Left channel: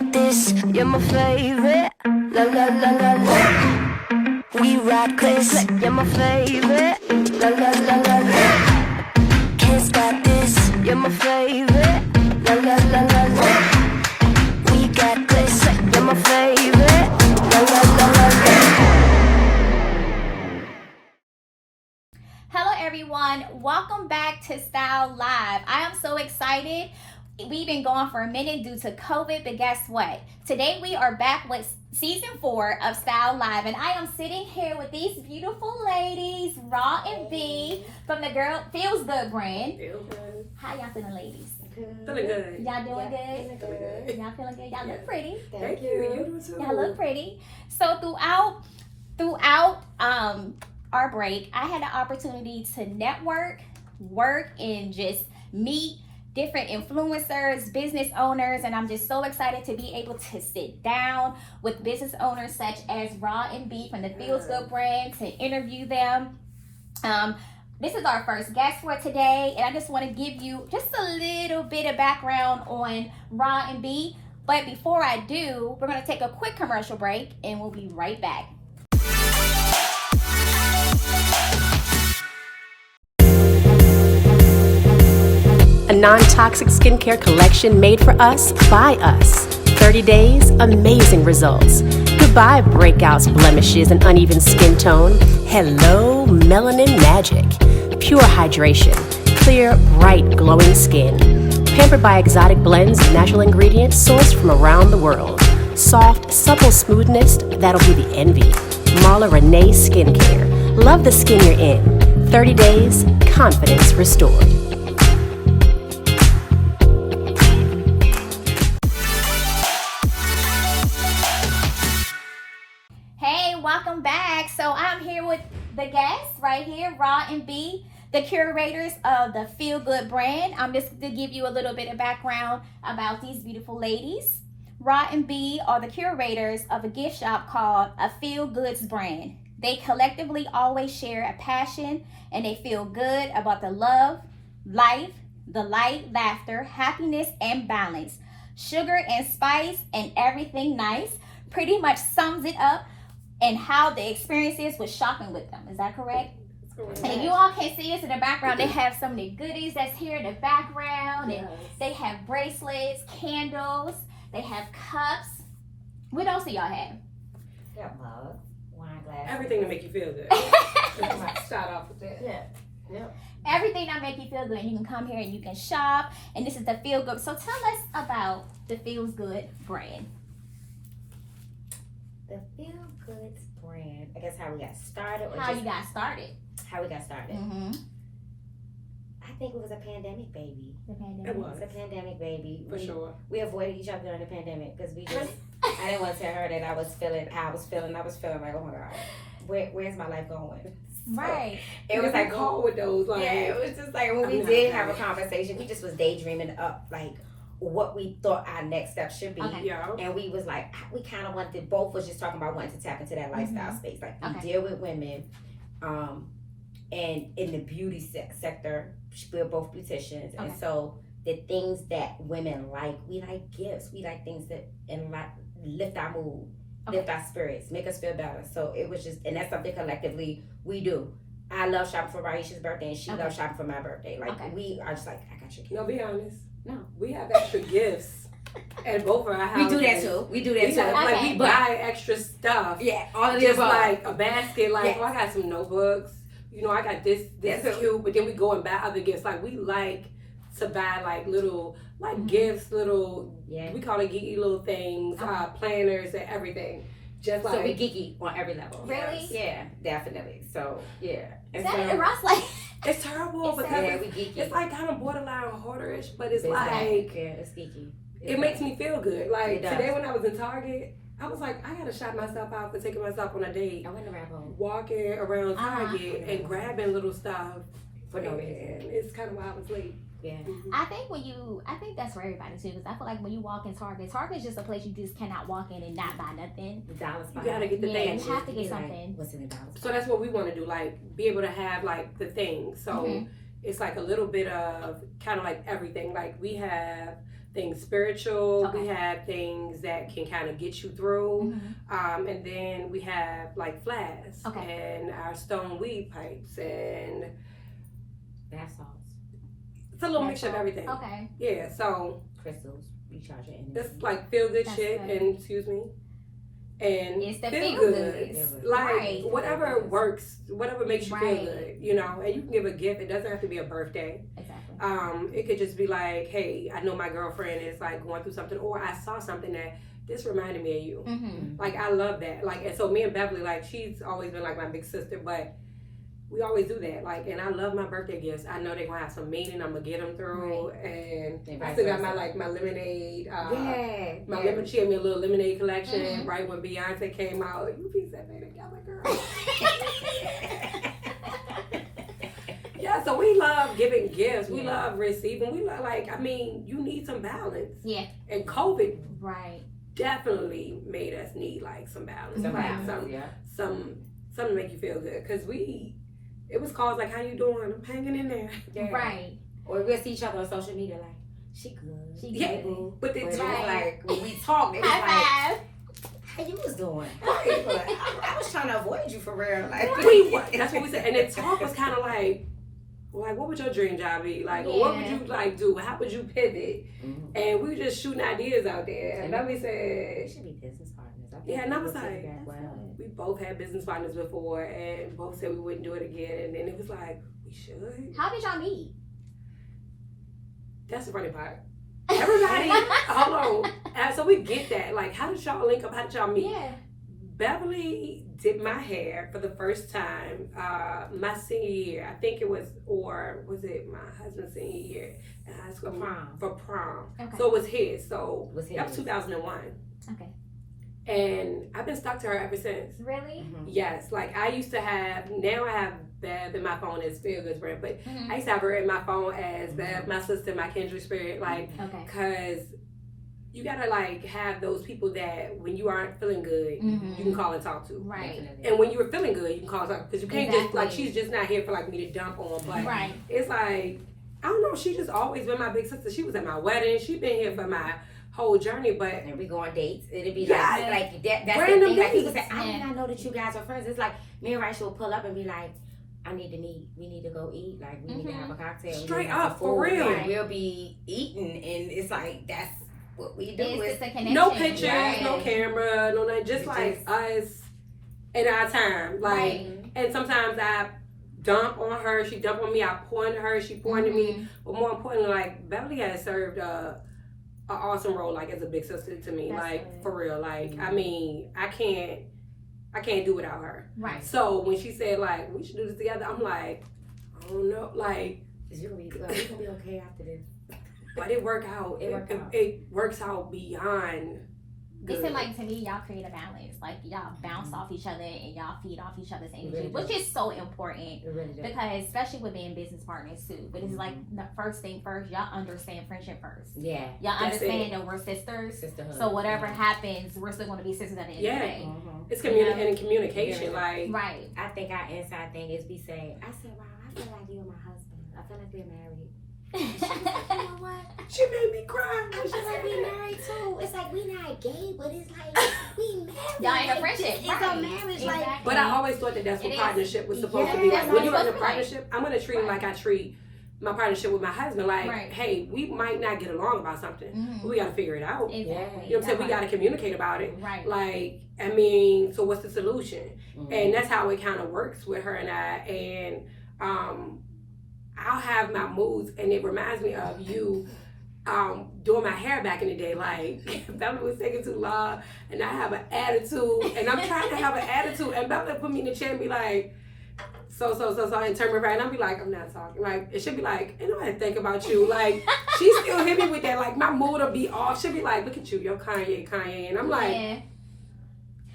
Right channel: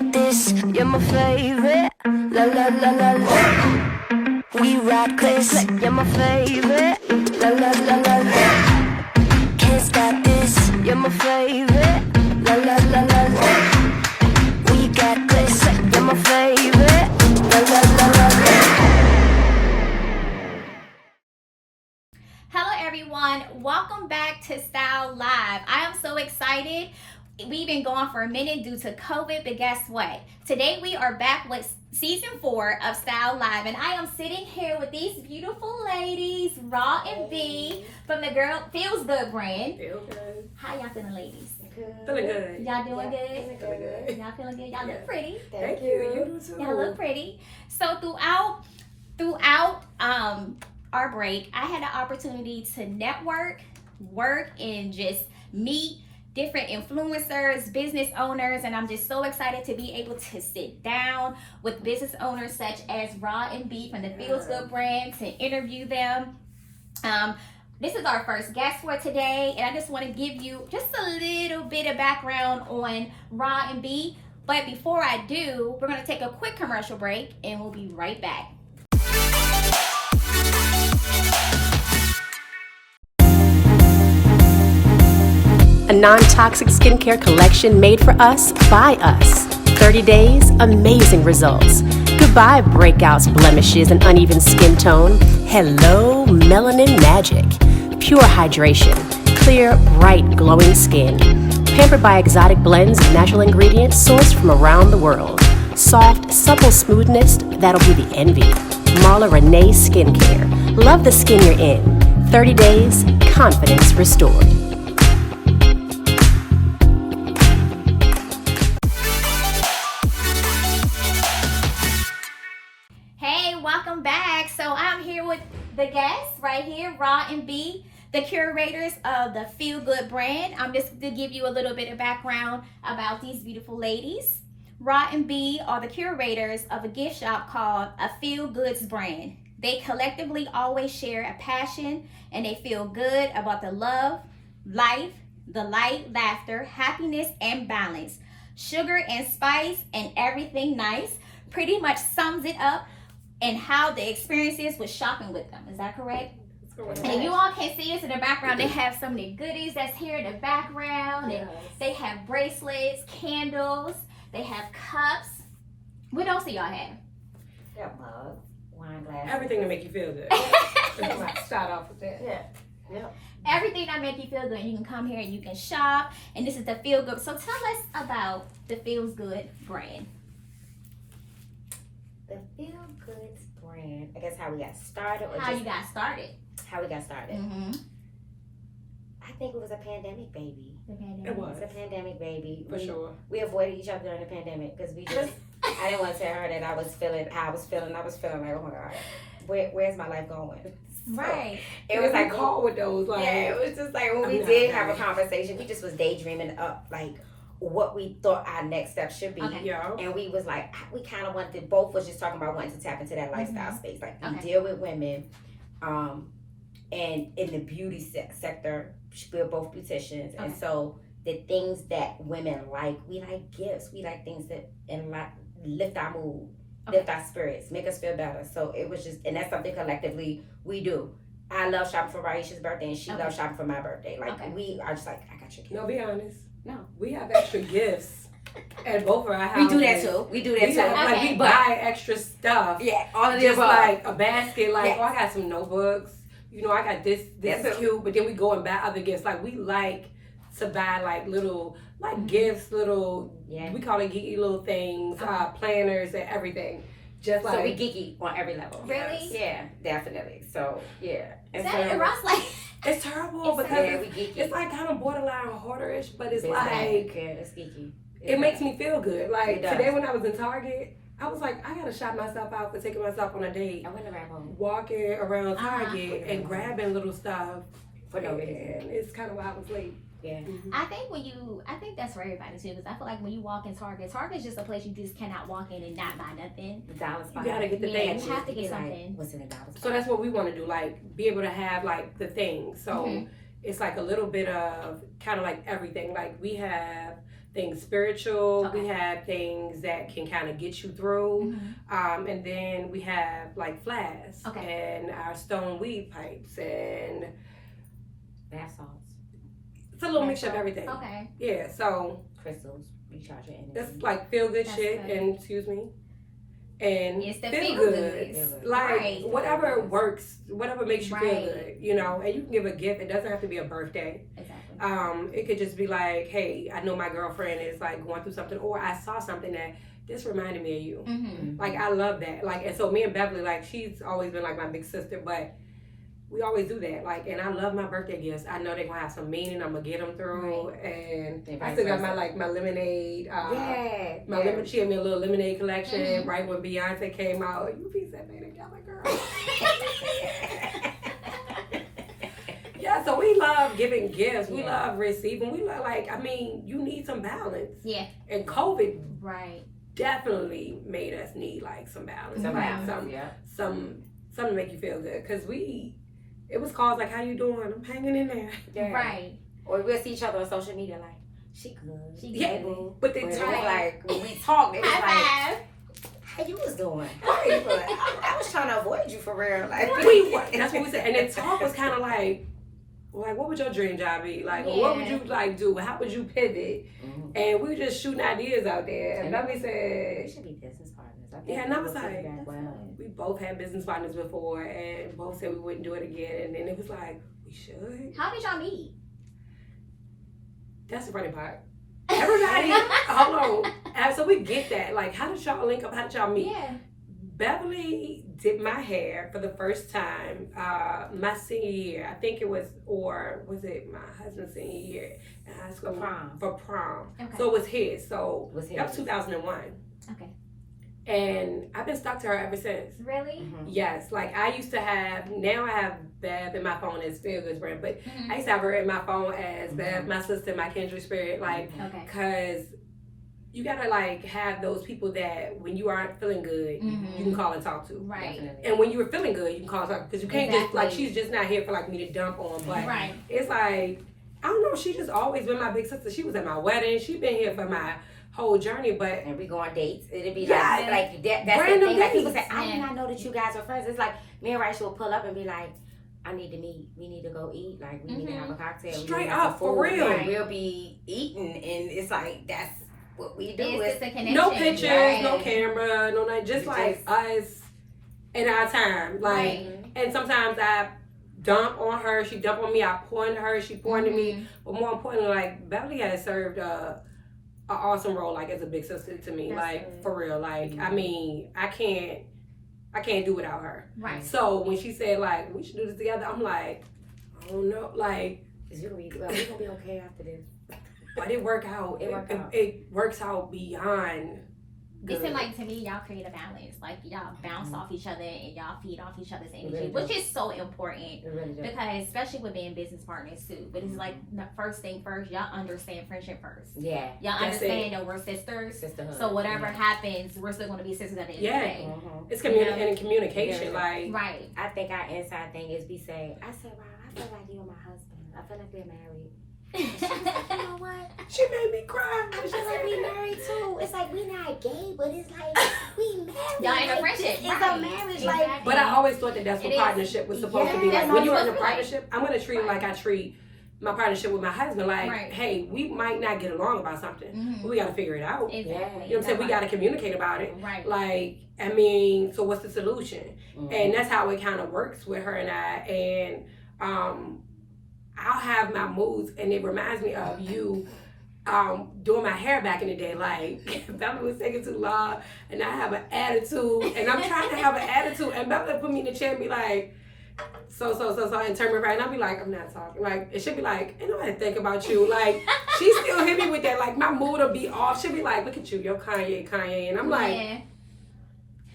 got this, you're my favorite. La la la la la. We ride clips, you're my favorite. La la la la la. Kids got this, you're my favorite. La la la la la. We got this, you're my favorite. La la la la la. Hello everyone, welcome back to Style Live. I am so excited. We've been going for a minute due to COVID, but guess what? Today we are back with season 4 of Style Live, and I am sitting here with these beautiful ladies, Raw and B, from the Girl Feels Good brand. Feel good. How y'all feeling, ladies? Good. Feeling good. Y'all doing good? Feeling good. Y'all feeling good? Y'all look pretty. Thank you. You do too. Y'all look pretty. So throughout our break, I had the opportunity to network, work, and just meet different influencers, business owners, and I'm just so excited to be able to sit down with business owners such as Raw and B from the Feels Good brand to interview them. This is our first guest for today, and I just want to give you just a little bit of background on Raw and B. But before I do, we're going to take a quick commercial break, and we'll be right back. A non-toxic skincare collection made for us, by us. 30 days, amazing results. Goodbye breakouts, blemishes, and uneven skin tone. Hello, melanin magic. Pure hydration. Clear, bright, glowing skin. Pampered by exotic blends of natural ingredients sourced from around the world. Soft, supple smoothness, that'll be the envy. Marla Renee Skincare. Love the skin you're in. 30 days, confidence restored. Welcome back. So I'm here with the guests right here, Raw and B, the curators of the Feel Good brand. I'm just to give you a little bit of background about these beautiful ladies. Raw and B are the curators of a gift shop called a Feel Goods brand. They collectively always share a passion and they feel good about the love, life, the light, laughter, happiness, and balance. Sugar and spice and everything nice pretty much sums it up and how the experience is with shopping with them. Is that correct? That's correct. And if you all can see us in the background, they have so many goodies that's here in the background. And they have bracelets, candles, they have cups. What else do y'all have? That mug, wine glass. Everything to make you feel good. Start off with that. Yeah. Everything that make you feel good. You can come here and you can shop. And this is the Feel Good. So tell us about the Feels Good brand. The Feel Goods brand. I guess how we got started, or How just you got started. how we got started. Mm-hmm. I think it was a pandemic baby. It was. It was a pandemic baby. For sure. We avoided each other during the pandemic because we just. I didn't want to tell her that I was feeling how I was feeling. I was feeling like, oh my god, where's my life going? Right. It was like call with those like. Yeah, it was just like when we I'm did not have a conversation, we just was daydreaming up like what we thought our next step should be. Okay. Yeah. And we was like, we kind of wanted to, both was just talking about wanting to tap into that lifestyle space. Like, we Okay. deal with women, and in the beauty sector, we're both beauticians. Okay. And so the things that women like, we like gifts. We like things that and like lift our mood, lift our spirits, make us feel better. So it was just, and that's something collectively we do. I love shopping for Raisha's birthday, and she loves shopping for my birthday. Like, we are just like, I got your gift. No, be honest. No. We have extra gifts at both of our houses. We do that too. We do that We too. have, like, Okay. we buy extra stuff. Yeah, all of the Just above. like a basket, like, Yes. oh, I got some notebooks. You know, I got this That's is it. cute. But then we go and buy other gifts. Like, we like to buy like little, like Mhm. gifts, little, Yeah. we call it geeky little things, planners and everything. Just like. So we geeky on every level. Really? Yeah, definitely. So yeah. And That, so, Ross like It's terrible because yeah, we geeky. it's like kind of borderline hoarderish, but it's It's like it's geeky. it makes me feel good. Like It does. today when I was in Target, I was like, I gotta shout myself out for taking myself on a date, I went to wrap home walking around Target and grabbing little stuff. for no reason. And it's kind of why I was late. Yeah. I think that's for everybody too, because I feel like when you walk in Target is just a place you just cannot walk in and not buy nothing. The dollar spot. You gotta get the Yeah, things. you have to Be get like, something. What's in the dollar spot? So that's what we want to do, like be able to have like the things. So Mhm. it's like a little bit of kind of like everything. Like we have things spiritual. Okay. We have things that can kind of get you through. Mhm. And then we have like flasks and our stone weed pipes, and Bath salts, it's a little Bath mixture of salt. everything. Okay. Yeah, so crystals, recharge your energy. it's like feel good That's shit, good. and excuse me, and It's the feel feel good. goods. Like Right. whatever works, whatever makes you feel Right. good, you know. And you can give a gift. It doesn't have to be a birthday. Exactly. It could just be like, hey, I know my girlfriend is like going through something, or I saw something that this reminded me of you. Mm-hmm. Like, I love that. Like, and so me and Beverly, like, she's always been like my big sister, but we always do that. Like, and I love my birthday gifts. I know they're gonna have some meaning. I'm gonna get them through, and I still got my my lemonade. My lemon. She had me a little lemonade collection Mhm. right when Beyonce came out. You piece that thing together, girl. Yeah, so we love giving gifts. We love receiving. We love, like, I mean, you need some balance. Yeah. And COVID Right. definitely made us need like some balance, Some like balance, something to make you feel good. Cause it was calls like, how you doing? I'm hanging in there. Yeah. Right. Or we'll see each other on social media like, she good. She Yeah, good. boo. but the But it was time, like, when we talk, it was like, High five. how you was doing? How you doing? I was trying to avoid you for real. Like, that's what we said. And the talk was kind of like, what would your dream job be? Like, or what would you like do? How would you pivot? Mhm. And we were just shooting ideas out there. And Beverly We said, should be business partners. I think yeah, and I was we'll like, piggyback well. we both had business partners before, and both said we wouldn't do it again. And then it was like, we should. How did y'all meet? That's the funny part. Everybody, hold on. So we get that. Like, how did y'all link up? How did y'all meet? Yeah. Beverly did my hair for the first time my senior year. I think it was, or was it my husband's senior year in high school? For prom. Okay. So it was his. So Was his. that was 2001. Okay. And I've been stuck to her ever since. Really? Mhm. Yes, like I used to have, now I have Bev in my phone as Feel Good Brand, but Mhm. I used to have her in my phone as Bev, my sister, my kindred spirit, like, Okay. cause you gotta like have those people that when you aren't feeling good, Mhm. you can call and talk to. Right. Definitely. And when you were feeling good, you can call and talk, because you can't just, like, Exactly. she's just not here for like me to dump on, but Right. it's like, I don't know, she just always been my big sister. She was at my wedding, she been here for my whole journey, but And we go on dates. It'd be Yeah. like that. That's Random the thing. Like people dates. say, I did Yeah. not know that you guys were friends. It's like me and Raisha will pull up and be like, I need to meet. We need to go eat. Like we need to have a cocktail. We need to Straight have up, some for food. real. And we'll be eating, and it's like that's what we do. It's It's just a connection. no pictures, Right. no camera, no nothing, just like us in our time. Like, Right. and sometimes I dump on her, she dump on me, I pour into her, she pour into me. Mhm. But more importantly, like, Beverly has served an awesome role, like, as a big sister to me. That's Like, good. for real. Like, I mean, I can't do without her. Right. So when she said, like, we should do this together, I'm like, I don't know. Like, We're gonna be okay after this. but it worked out. It worked out. It works out beyond It good. seems like to me y'all create a balance. Like y'all bounce off each other and y'all feed off each other's energy, really do. which is so important. It really does. Because especially with being business partners too. But it's like the first thing first, y'all understand friendship first. Yeah. Y'all That's understand that we're sisters. Sisterhood. So whatever Yeah. happens, we're still gonna be sisters at the end Yeah. of the day. Mhm. It's You know? and communication. Yeah. Like, Right. I think our inside thing is we say, I said, wow, I feel like you and my husband. I feel like we're married. You know what? she made me cry. I feel like we married too. It's like we not gay, but it's like we married. Y'all in a Like, friendship, It's a right. marriage, Exactly. like. But I always thought that that's It what is. partnership was supposed to Yeah, be. that's Like, what when it's you're in a supposed to be like. partnership, I'm gonna treat it like I treat my partnership with my husband. Like, Right. hey, we might not get along about something, Mhm. but we gotta figure it out. Exactly. You know what I'm saying? We gotta communicate about it. Right. Like, I mean, so what's the solution? Mhm. And that's how it kind of works with her and I. And I'll have my moods, and it reminds me of you doing my hair back in the day. Like, Beverly was taking too long, and I have an attitude, and I'm trying to have an attitude, and Beverly put me in the chair and be like, so, and turn me around, and I'll be like, I'm not talking. Like, it should be like, I know how to think about you. Like, she still hit me with that. Like, my mood will be off. She'll be like, look at you, you're Kanye. And I'm like, Yeah.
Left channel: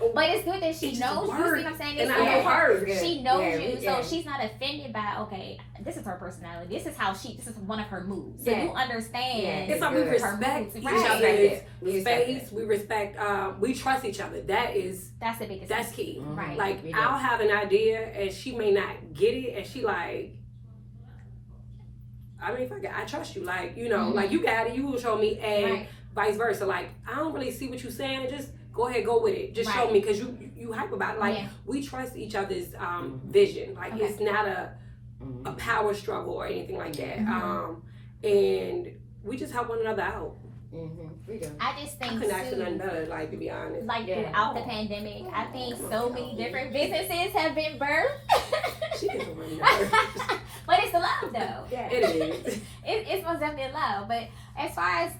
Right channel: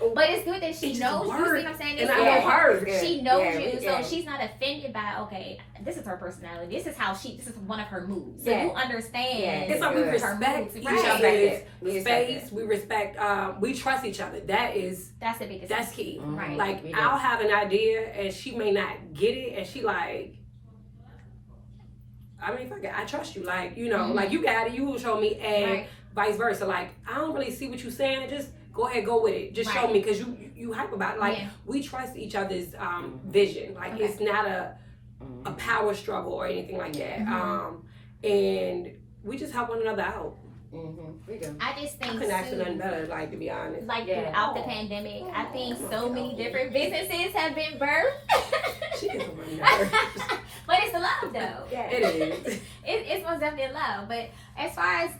oh, But it's good that she it just knows you. See worked. what I'm saying? And It's I know good. her. She knows Yeah, you, yeah. so she's not offended by, okay, this is her personality. This is how this is one of her moods. So Yeah. you understand. Yeah. It's like we Good. respect each Right. other's We respect space. We respect, we trust each other. That's the biggest That's thing. key. Mhm. Right. Like, We do. I'll have an idea and she may not get it, and she like, I mean, fuck it, I trust you. Like, you know, like you got it, you will show me, and vice versa. Like, I don't really see what you're saying. Just go ahead, go with it. Just show me, because you hype about it. Like, we trust each other's vision. Like, it's not a power struggle or anything like that. And we just help one another out. We do. I just think I couldn't ask for nothing better, like, to be honest. like throughout the pandemic, I think so many different businesses have been birthed. She is one nerve. But it's a love though. It is. It's most definitely love. But as far as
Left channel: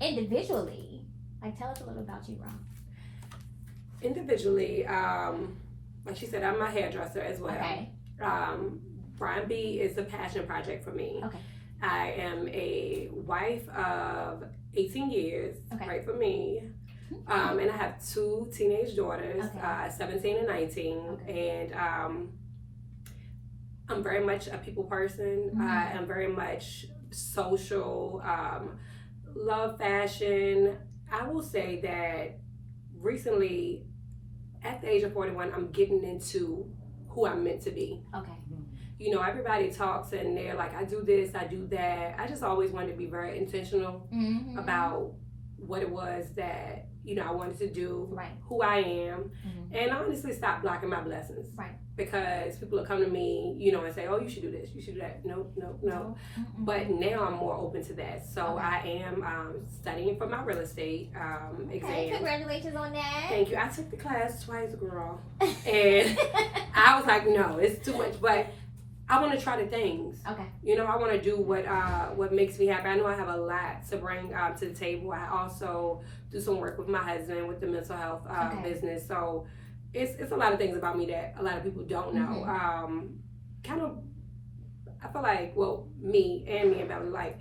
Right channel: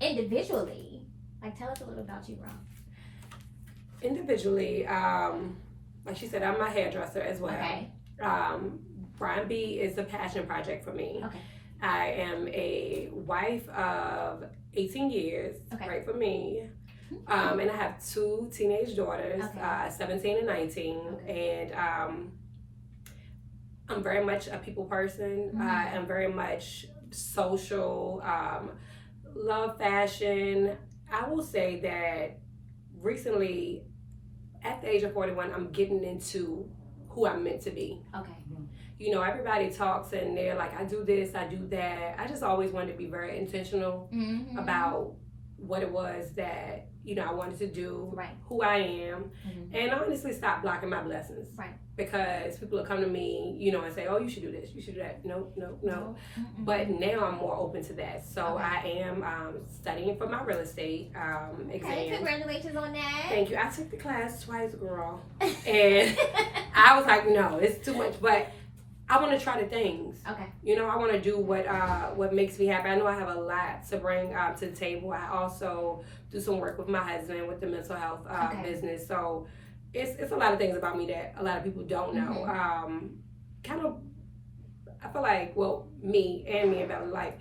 individually, like, tell us a little about you, Ron. Individually, like she said, I'm a hairdresser as well. Okay. Brian B is a passion project for me. Okay. I am a wife of 18 years, right for me. And I have 2 teenage daughters, 17 and 19. And I'm very much a people person. I am very much social, love fashion. I will say that recently, at the age of 41, I'm getting into who I'm meant to be. Okay. You know, everybody talks and they're like, I do this, I do that. I just always wanted to be very intentional about what it was that, you know, I wanted to do, who I am, and honestly stop blocking my blessings. Because people will come to me, you know, and say, oh, you should do this, you should do that. No. But now I'm more open to that. So I am studying for my real estate exam. Congratulations on that. Thank you. I took the class twice, girl. And I was like, no, it's too much. But I want to try the things. Okay. You know, I want to do what makes me happy. I know I have a lot to bring to the table. I also do some work with my husband with the mental health business. So it's a lot of things about me that a lot of people don't know. Kind of, I feel like, well, me and Bella, like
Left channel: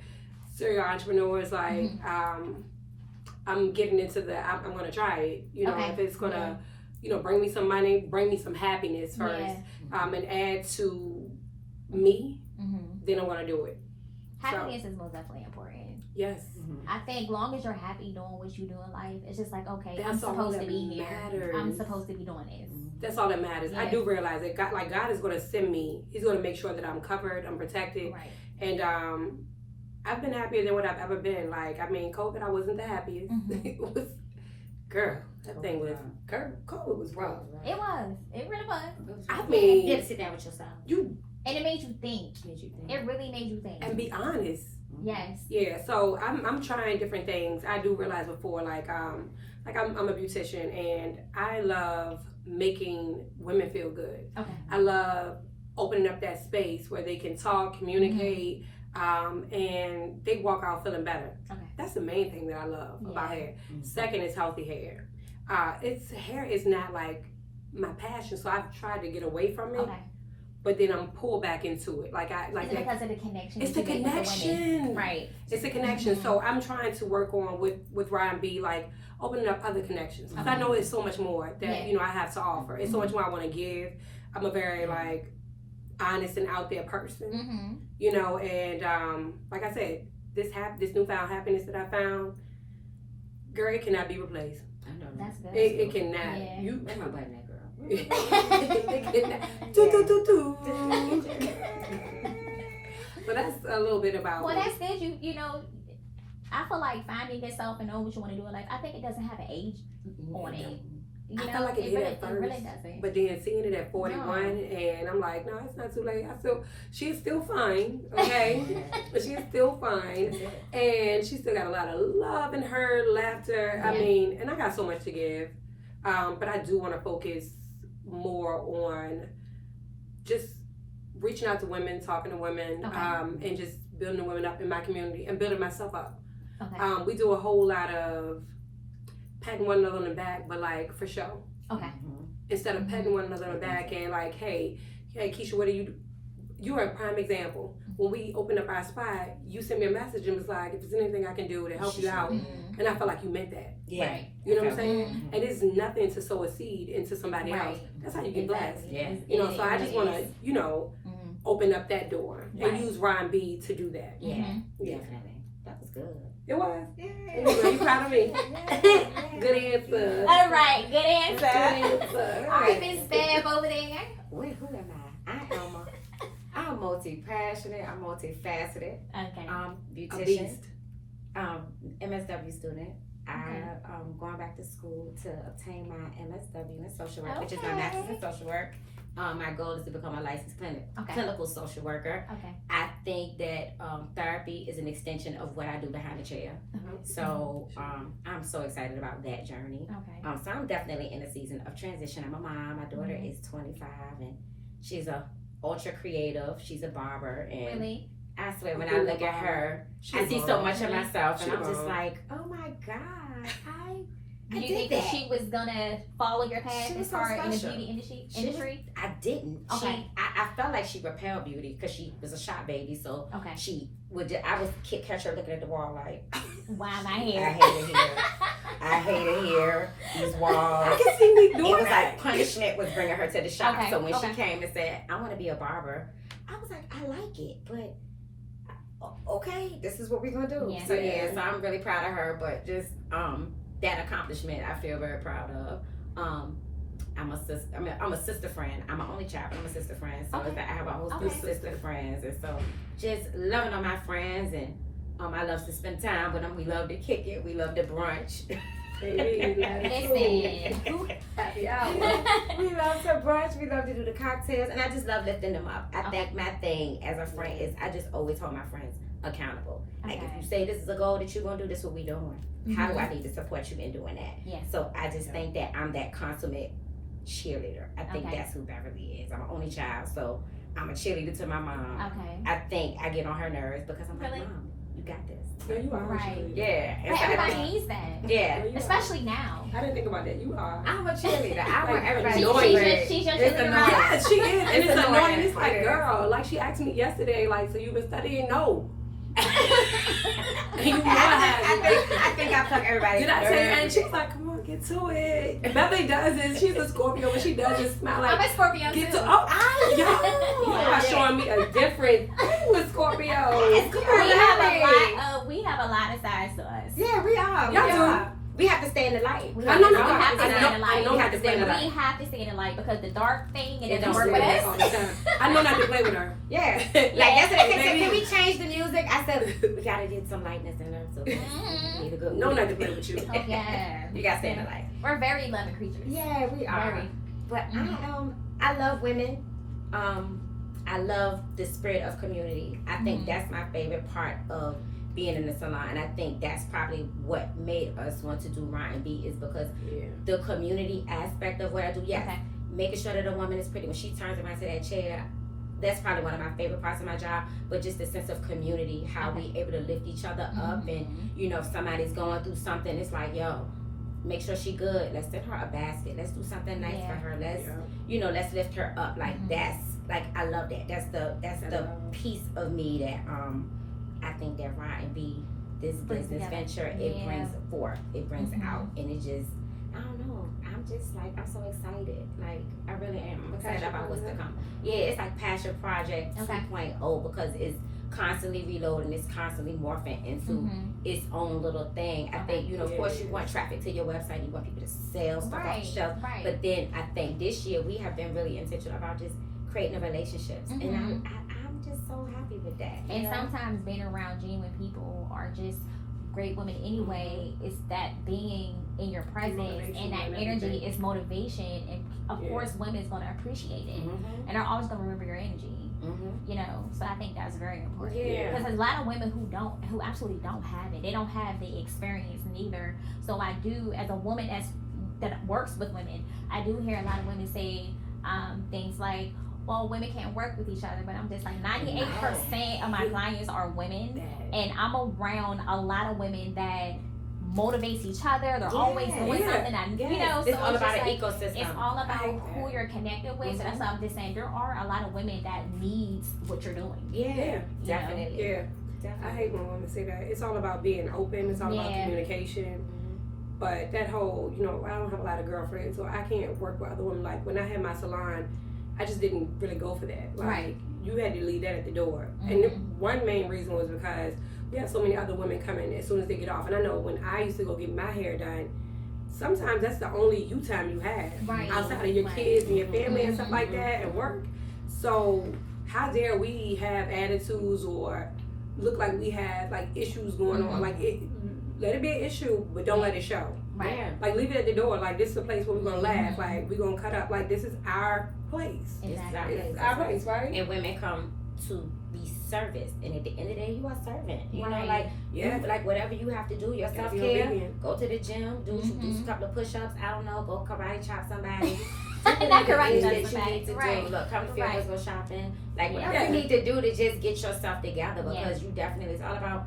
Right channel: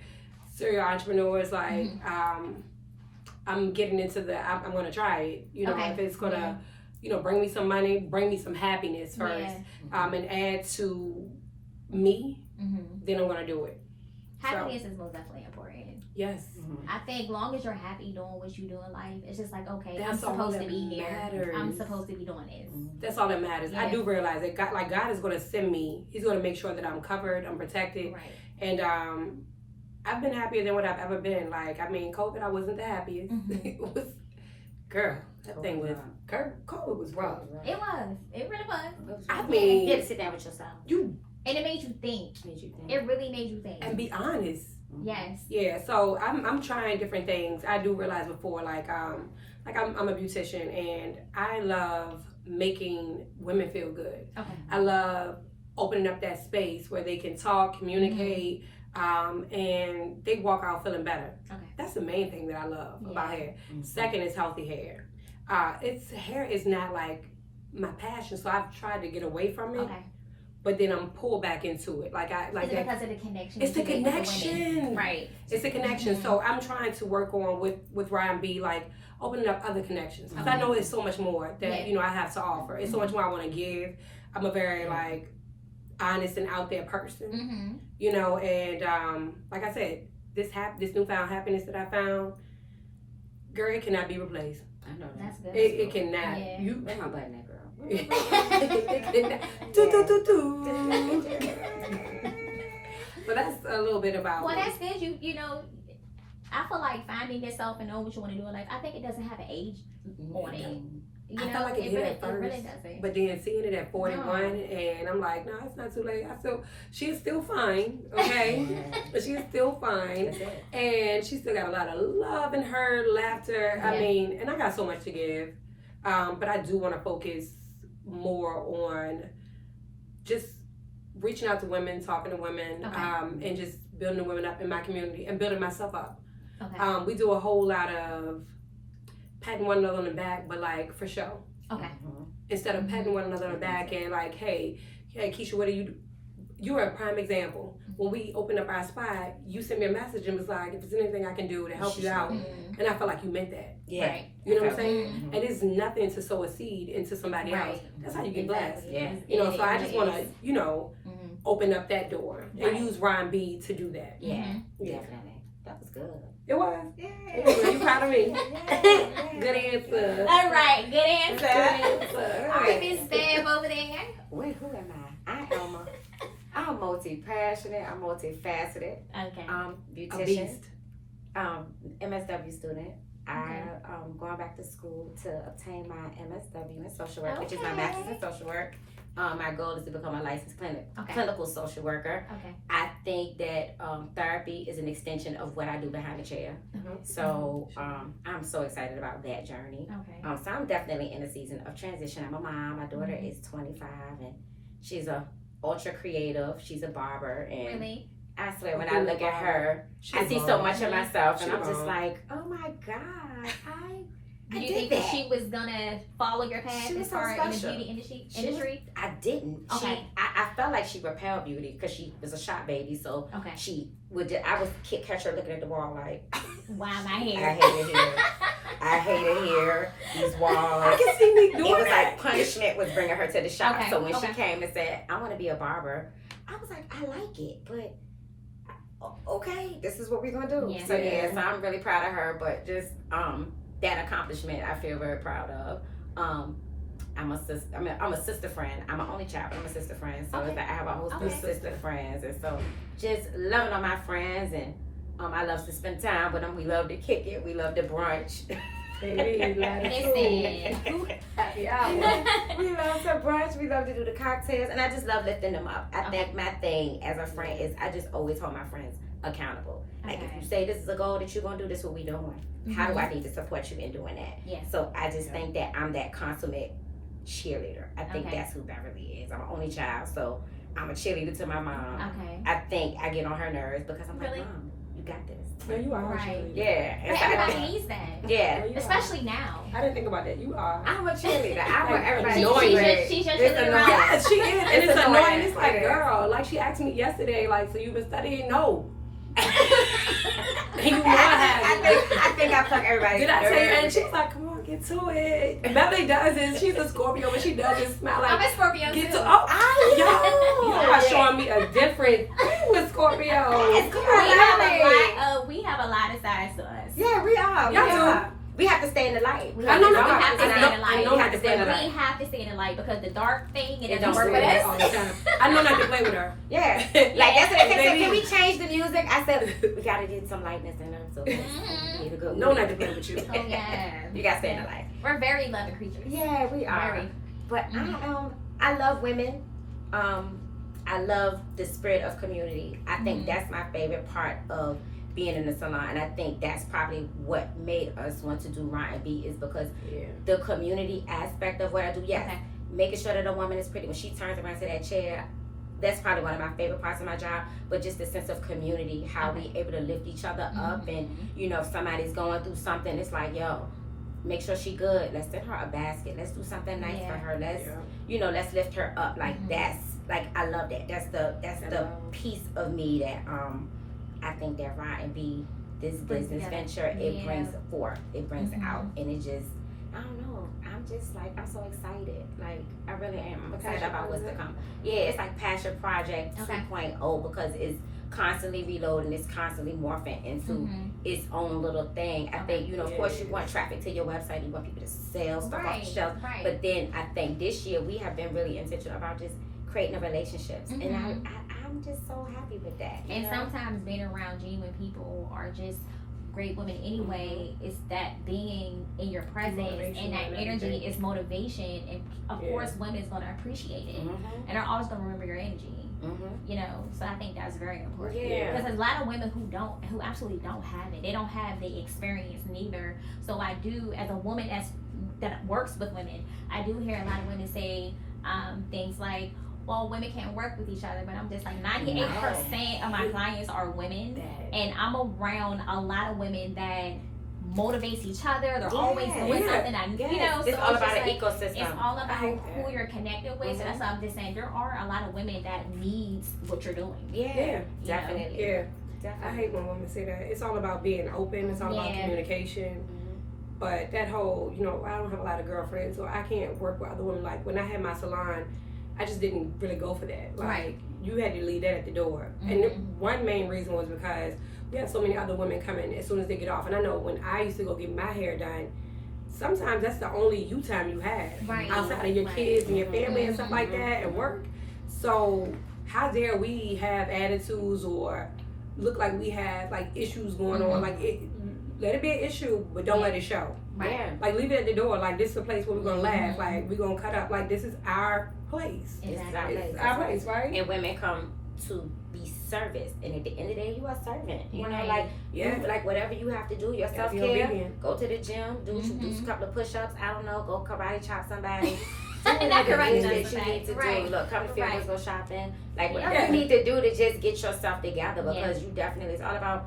serial entrepreneurs, like I'm getting into I'm going to try it. You know, if it's going to, you know, bring me some money, bring me some happiness first, and add to me, then I'm gonna do it. Happiness is most definitely important. Yes. I think long as you're happy doing what you do in life, it's just like, okay, that's I'm supposed to be matters. here. I'm supposed to be doing this. That's all that matters. I do realize that God is gonna send me. He's gonna make sure that I'm covered, I'm protected, and I've been happier than what I've ever been. Like, I mean, COVID, I wasn't the happiest. It was, girl, that thing was. COVID was rough. It was. It really was. I mean, you had to sit down with yourself. And it made you think. It really made you think. And be honest. Yes. Yeah. So I'm trying different things. I do realize before, like I'm a beautician, and I love making women feel good. Okay. I love opening up that space where they can talk, communicate, and they walk out feeling better. Okay. That's the main thing that I love about hair. Second is healthy hair. Hair is not like my passion, so I've tried to get away from it. Okay. But then I'm pulled back into it. Like is it because of the connection? It's the connection. Right. It's the connection. So I'm trying to work on with Ryan B, like opening up other connections. Because I know it's so much more that you know I have to offer. It's so much more I want to give. I'm a very like honest and out there person. You know, and like I said, this newfound happiness that I found, girl, it cannot be replaced. I know that's good. It cannot. Yeah. Where my button at, girl? So that's a little bit about Well, me. that's good. You know, I feel like finding yourself and knowing what you want to do in life, I think it doesn't have an age on it. You I know, felt like it did really, at first, it really doesn't. but then seeing it at 41, and I'm like, no, it's not too late. She's still fine, okay? She's still fine, and she still got a lot of love in her, laughter. I mean, and I got so much to give, but I do want to focus more on just reaching out to women, talking to women, and just building the women up in my community and building myself up. Okay. We do a whole lot of patting one another on the back, but like for show. Okay. Instead of patting one another on the back and like, hey, Keisha, what do you do? You're a prime example. When we opened up our spot, you sent me a message and was like, if there's anything I can do to help you out. And I felt like you meant that. Yeah. Right. You know what I'm saying? And it's nothing to sow a seed into somebody else. That's how you get blessed. Yeah. You know, so I just want to, you know, open up that door and use Ryan B to do that. Yeah. Yeah. Definitely. That was good. It was. Are you proud of me? Good answer. All right. Good answer. Good answer. All right, Miss Bev over there. Wait, who am I? I am a I'm multi-passionate. I'm multifaceted. Okay. A Beautician. beast. MSW student. Okay. I'm going back to school to obtain my MSW in social work, which is my Okay. master's in social work. My goal is to become a licensed clinical social worker. Okay. I think that therapy is an extension of what I do behind the chair. So I'm so excited about that journey. Okay. So I'm definitely in a season of transition. I'm a mom. My daughter is 25 and she's a ultra creative. She's a barber, and Really? I swear when I look at her, I see so much of myself, and I'm just like, oh my god, I Do you did think that. that she was gonna follow your path She was as so far in the special. beauty industry? I didn't. Okay. I felt like she repelled beauty because she was a shot baby, so Okay. she would. I would catch her looking at the wall like, Wow, my I hair. hate it here. I hate it here. These walls. I can see me It doing was that. like punishment was bringing her to the shop. Okay, So when okay. she came and said, I want to be a barber, I was like, I like it, but okay, this is what we're gonna do. Yeah. So so I'm really proud of her, but just that accomplishment I feel very proud of. I'm a sister friend. I'm an only child, but I'm a sister friend. So Okay. I have a whole Okay. of sister friends, and so just loving on my friends, and I love to spend time with them. We love to kick it. We love to brunch. Baby, Listen. happy hour. We love to brunch. We love to do the cocktails, and I just love lifting them up. I Okay. think my thing as a friend is I just always hold my friends accountable. Like if Okay. you say this is a goal that you're gonna do, this is what we doing. How do I need to support you in doing that? Yeah. So I just think that I'm that consummate cheerleader. I think Okay. that's who Beverly is. I'm an only child, so I'm a cheerleader to my mom. Okay. I think I get on her nerves because I'm Really? like, Mom, you got this. No, you are. Right. Actually. Yeah. But And so I everybody don't- needs that. yeah. No, you are. Especially now. I didn't think about that. You are. I'm a cheerleader. I want Like, everybody annoying. to She's cheer. your- she's your It's cheerleader. annoying. Yes, she is. And It's it's annoying. annoying. It's like, It is. girl, like she asked me yesterday, like, so you've been studying? No. You know I haven't. I think I plug everybody. Did I tell you? And she was like, come on, get to it. Beverly does it. She's a Scorpio, but she does it smile I'm like, a Scorpio get too. to, oh, I y'all are showing me a different thing with Scorpios. It's good. We have a lot of sides to us. Yeah, we are. Y'all we do. are. We have to stay in the light. I know we not have to I stay know, in the light. I know We not have to to play stay in with the her. We have to stay in the light because the dark thing, it It doesn't don't work Play with with her us. all the time. I know not to play with her. Yeah. Like yesterday, they said, Baby. can we change the music? I said, we gotta get some lightness in there. So we need a good No, not to play with you. Oh, yeah. You gotta stay in the light. We're very loving creatures. Yeah, we are. Very. But I love women. I love the spirit of community. I think that's my favorite part of being in the salon, and I think that's probably what made us want to do R&B is because Yeah. the community aspect of what I do. Yes, Okay. making sure that a woman is pretty when she turns around to that chair. That's probably one of my favorite parts of my job. But just the sense of community, how we able to lift each other up, and you know if somebody's going through something, it's like yo. Make sure she good. Let's send her a basket. Let's do something nice for her. Let's let's lift her up. Like that's like I love that. That's the piece of me that I think that R&B, this Brings business together. venture, it Yeah. brings forth. It brings Mhm. out, and it just I don't know. I'm just like I'm so excited. Like I really am. I'm excited Passion about what's to project? come. Yeah, it's like Passion Project Okay. 2.0 because it's constantly reloading. It's constantly morphing into its own little thing. I think, of course you want traffic to your website, you want people to sell stuff off the shelf. Right. But then I think this year we have been really intentional about just creating relationships. And I'm just so happy with that. you And know? sometimes being around genuine people are just great women anyway. It's that being in your presence Motivation and that and energy everything. is motivation, and of Yeah. course women's gonna appreciate it Mhm. and are always gonna remember your energy. Mhm. So I think that's very important. Yeah. Because there's a lot of women who absolutely don't have it. They don't have the experience neither. So I do, as a woman that works with women, I do hear a lot of women say things like, well, women can't work with each other, but I'm just like 98% of my clients are women, and I'm around a lot of women that motivates each other. They're always doing something. It's all about just an like, ecosystem. it's all about I like who you're connected with. So that's why I'm just saying there are a lot of women that needs what you're doing. Yeah, definitely. Yeah. I Definitely. hate when women say that. It's all about being open. It's all about Yeah. communication. But that whole, I don't have a lot of girlfriends, so I can't work with other women. Like when I had my salon, I just didn't really go for that. Like Right. you had to leave that at the door. And one main reason was because we have so many other women coming as soon as they get off. And I know when I used to go get my hair done, sometimes that's the only you time you have Right. outside of your Right. kids and your family and stuff like that and work. So how dare we have attitudes or look like we have like issues going on? Like let it be an issue, but don't let it show. Right. Yeah. Like leave it at the door. Like this is a place where we're gonna laugh. Like we're gonna cut up. Like this is our place. Exactly. It's our place, right? And women come to be serviced, and at the end of the day, you are servant. You know, Right. like Yeah. you, like whatever you have to do, your Gotta self be care. obedient. Go to the gym, do a couple of push-ups. I don't know, go karate chop somebody. Do Not whatever karate it is chop that you somebody. need to Right. do. Look, come to Right. Field, go shopping. Like whatever Yeah. you need to do to just get yourself together, because Yes. you definitely, it's all about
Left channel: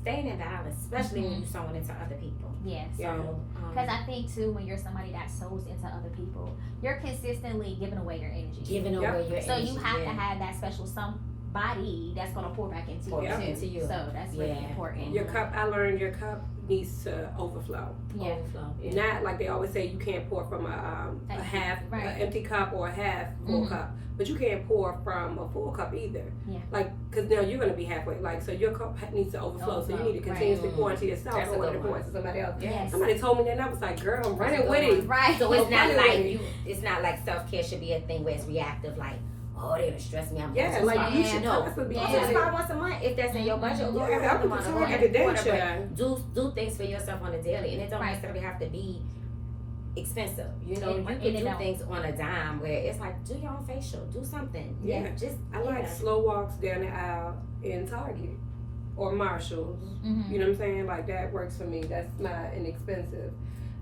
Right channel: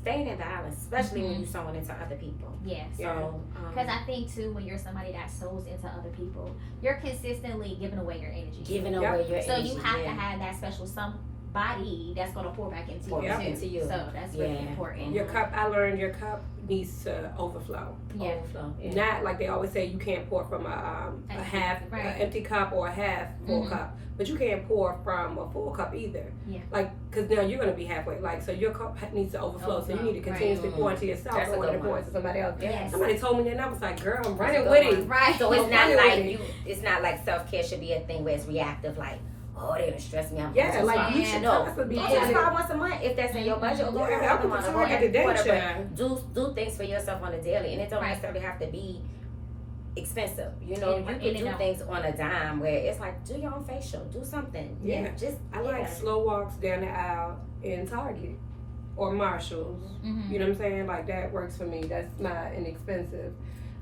staying in balance, especially when Mhm. you're sewing into other people. Yes. Yeah. So, Because I think too, when you're somebody that sows into other people, you're consistently giving away your energy. giving Yep. away your So energy. you have yeah. to have that special somebody that's gonna pour back into Pour you back too. into you. So that's really Yeah. important. Your cup, I learned your cup needs to overflow. Yeah. Overflow. Yeah. Not like they always say you can't pour from a Empty, half right. a empty cup or a half full Mhm. cup, but you can't pour from a full cup either. Yeah. Like, cause now you're gonna be halfway. Like, so your cup needs to overflow. So you need to continuously Right. pour into yourself That's a in order good to pour one. into somebody else. Yes. Somebody told me that, and I was like, girl, I'm running That's a with good it. Right. So it's not Running like with it. you. It's not like self care should be a thing where it's reactive. Like, oh, they done stress me. I'm Yeah, going to like you spa. should No. constantly be Go to doing the it. spa once a month if that's in your budget. Or go Yeah, every I other put month. the Or go target every today, quarter. child. But do things for yourself on a daily, and it don't Right. necessarily have to be expensive. You know, In- you can in and do out. things on a dime where it's like, do your own facial, do something. Yeah. just I like yeah. slow walks down the aisle in Target or Marshalls. Mhm. You know what I'm saying? Like that works for me. That's not inexpensive.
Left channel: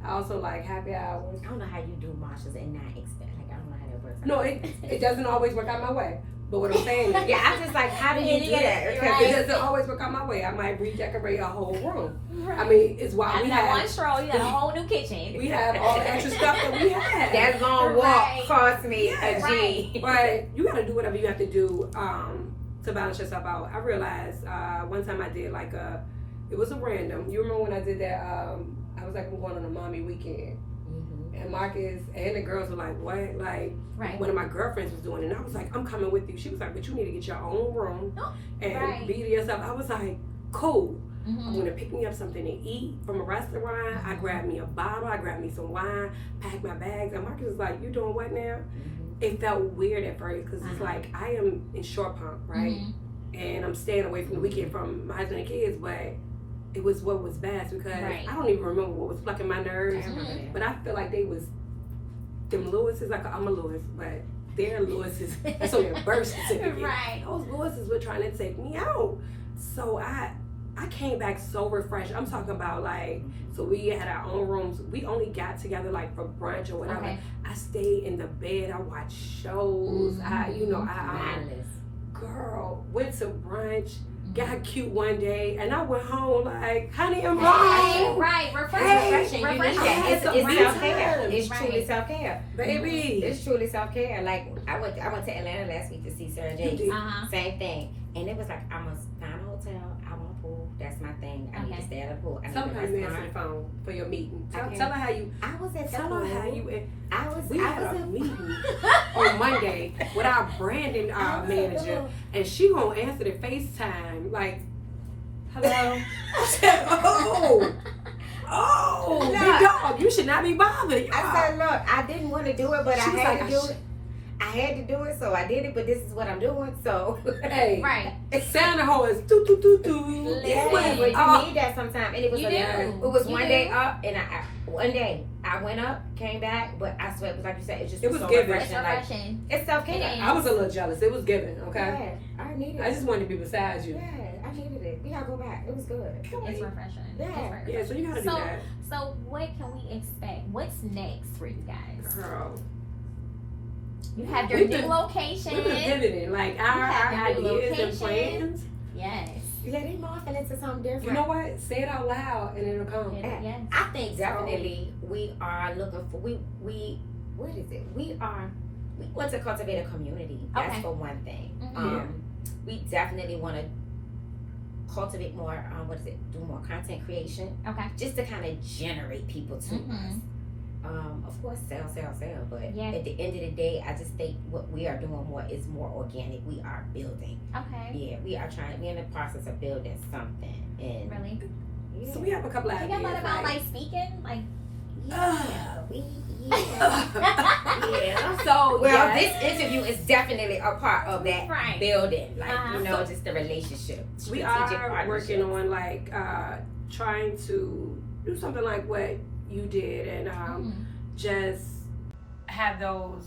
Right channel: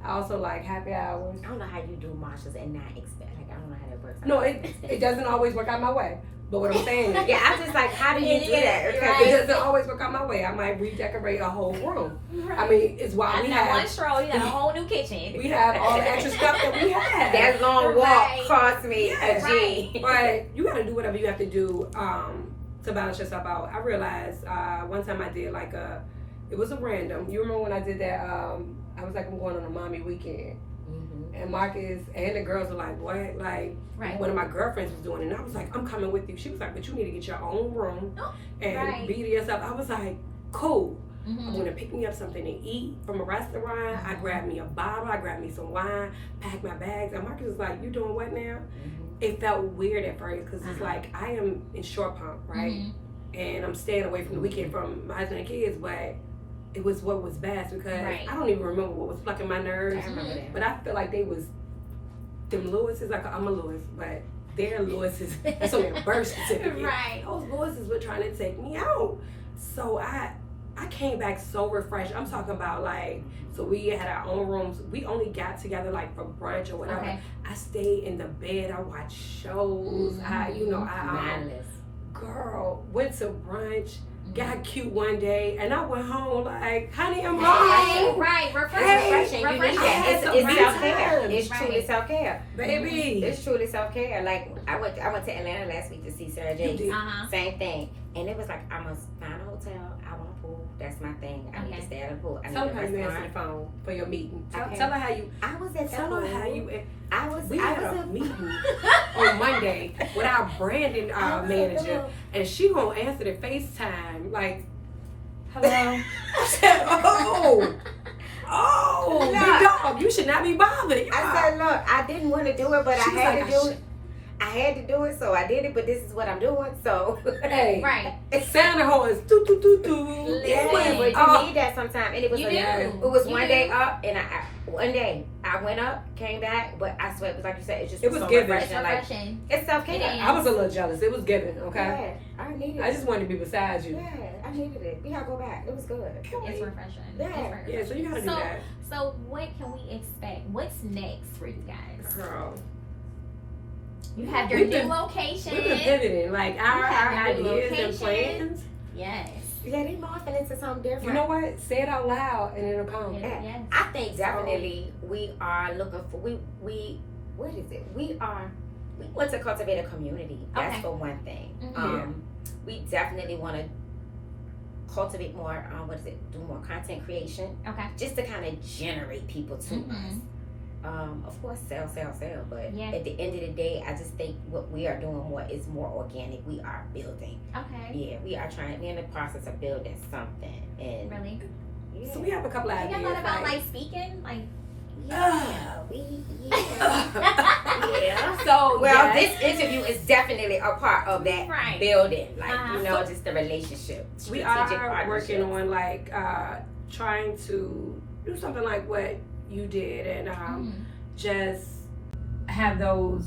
I also like happy hours. I don't know how you do Marshalls and not expect. Like, I don't know how that works. No, it doesn't always work out my way. But what I'm saying is, Yeah, I'm just like, how do you do that? Because it doesn't always work out my way. I might redecorate a whole room. I mean, it's why we That's not one have stroll. You got a whole new kitchen. we have all the extra stuff that we have. that long walk Right. cost me Yeah, a G. But you gotta do whatever you have to do to balance yourself out. I realized one time I did like it was a random. You remember when I did that? I was like, I'm going on a mommy weekend. And Marcus and the girls were like, what? Like, Right. one of my girlfriends was doing it. And I was like, I'm coming with you. She was like, but you need to get your own room and Right. be to yourself. I was like, cool. I'm Mhm. going to pick me up something to eat from a restaurant. I grabbed me a bottle. I grabbed me some wine, packed my bags. And Marcus was like, you doing what now? It felt weird at first because it's like, I am in Short Pump, right? Mhm. And I'm staying away from the weekend from my husband and kids, but it was what was best because Right. I don't even remember what was plucking my nerves. I remember that. But I feel like they was them Lewises. I'm a Lewis, but their Lewises. That's only a birth certificate. Right. Those Lewises were trying to take me out. So I came back so refreshed. I'm talking about like, so we had our own rooms. We only got together like for brunch or whatever. Okay. I stayed in the bed. I watched shows. I Mindless. girl went to brunch. Got cute one day, and I went home like, honey, I'm Right. home. Right. Hey, Refreshing. You need refreshing. that. I had some It's me self-care. time. It's Right. truly self-care. Baby. It's truly self-care. Like, I went to Atlanta last week to see Sarah You J. did. Uh-huh. Same thing. And it was like, I must find a hotel. I want a pool. That's my thing. I need Okay. to stay at a pool. I need Tell a her how you answered restaurant. the phone for your meeting. Tell, Okay. tell her how you. I was at the Tell pool. her how you. We I had was a meeting on Monday with our branding I was at the manager, pool. and she gonna answer the FaceTime like, "Hello." I said, "Oh, Look. big dog, you should not be bothered." I said, look, I didn't want to do it, but She I was had like, to do it. I had to do it, so I did it, but this is what I'm doing, so. Hey, Right. Santa horns, do do do do. Yeah, but you need that sometimes. And it was You like, do. it was You one do. day up, and one day I went up, came back, but I swear it was like you said, it just It was so given. It's refreshing. Like, refreshing. it's self-care. It is. I was a little jealous. It was given, okay. Yeah, I needed I it. just wanted to be beside you. Yeah, I needed it. We gotta go back. It was good. It's refreshing. Yeah. It's very Yeah, so you gotta do So- that, So what can we expect? What's next for you guys? girl. You have your We've new been- location. We've been pivoting, like our have a new ideas and location. plans. Yes. Yeah, they morphing into something different. You know what? Say it out loud and it'll come. Yes. Yes. I think definitely we are looking for we what is it? We want to cultivate a community. That's Okay. for one thing. Mhm. We definitely want to cultivate more. Do more content creation, Okay. just to kind of generate people to Mhm. us. Of course, sell. But Yeah. at the end of the day, I just think what we are doing is more organic. We are building. Okay. Yeah, we are trying. We're in the process of building something, and Really? yeah. So we have a couple of Have you ideas. thought about like speaking? Like Yeah. So Well, yes, this interview is definitely a part of that Right. building, like Uh-huh. just the relationship. we strategic are working partnership. on like trying to do something like what you did and just have those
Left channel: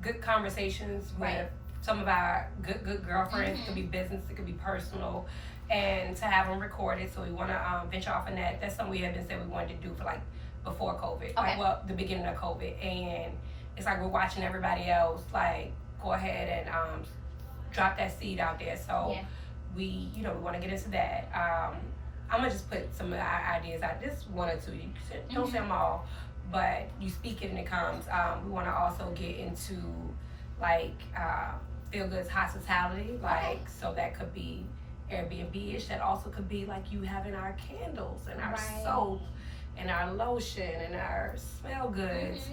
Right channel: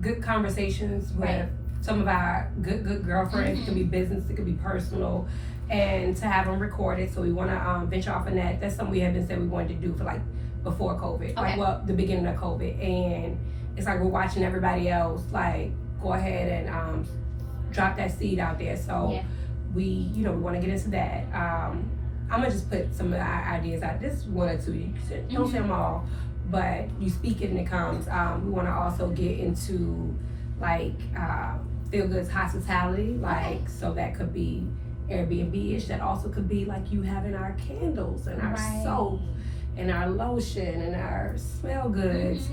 good conversations with Right. some of our good girlfriends. It could be business, it could be personal, and to have them recorded. So we want to venture off in that. That's something we have been saying we wanted to do for like before COVID, Okay. the beginning of COVID, and it's like we're watching everybody else like go ahead and drop that seed out there. So Yeah. we want to get into that. I'm gonna just put some of our ideas out. Just one or two. You don't say them all, but you speak it and it comes. We want to also get into like Feel Good's hospitality, like so that could be Airbnb-ish. That also could be like you having our candles and our Right. soap and our lotion and our smell goods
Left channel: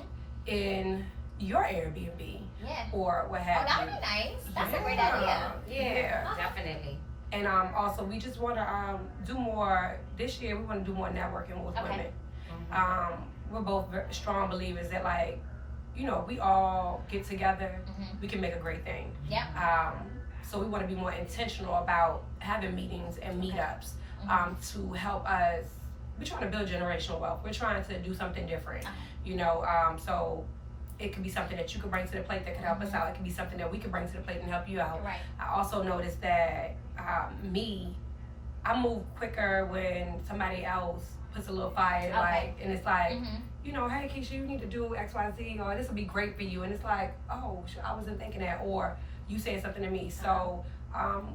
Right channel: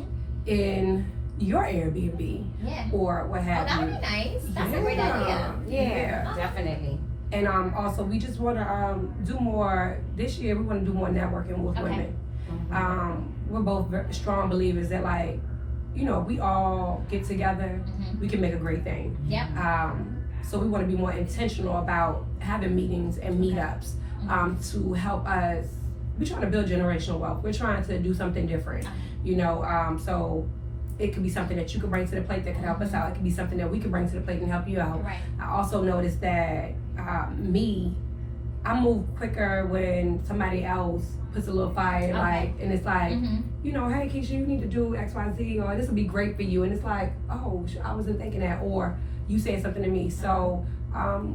in your Airbnb Yeah. or what Oh, have that you. would be nice. That's a great idea. Yeah, definitely. And also we just want to do more this year. We want to do more networking with Okay. women. We're both strong believers that like we all get together, we can make a great thing. Yep. So we want to be more intentional about having meetings and meetups to help us. We're trying to build generational wealth. We're trying to do something different, so it could be something that you can bring to the plate that could help us out. It could be something that we can bring to the plate and help you out. Right. I also noticed that I move quicker when somebody else puts a little fire, like, and it's like, hey, Keisha, you need to do X, Y, Z, or this would be great for you. And it's like, oh, I wasn't thinking that, or you said something to me. So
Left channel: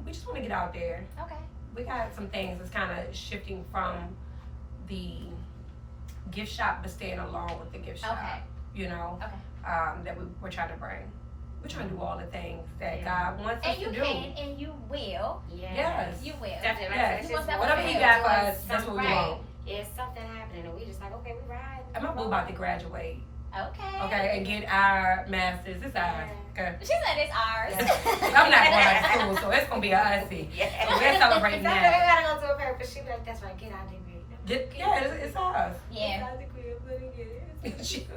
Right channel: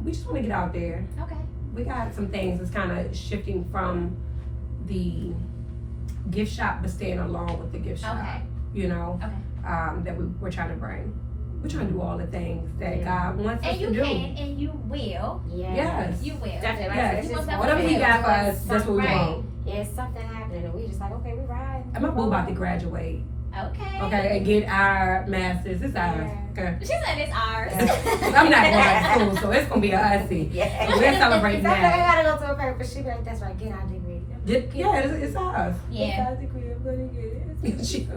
we just want to get out there. Okay. We got some things that's kind of shifting from the gift shop, but staying along with the gift shop. Okay. That we're trying to bring. We're trying to do all the things that God wants us And you to do. can, and you will. Yes. You will. Definitely. Yes. It's just Whatever He got for us, that's what we Right. want. Yeah, something happening, and we just like, okay, we ride. And my boo about to graduate. Okay. And get our masters. It's ours. Okay. She said it's ours. I'm not going to school, so it's gonna be a hussy. Yeah. So we're celebrating That's that. I gotta go to a paper, but she be like, that's right, get our degree. It's ours. Yeah. It's our degree. I'm gonna get it. She-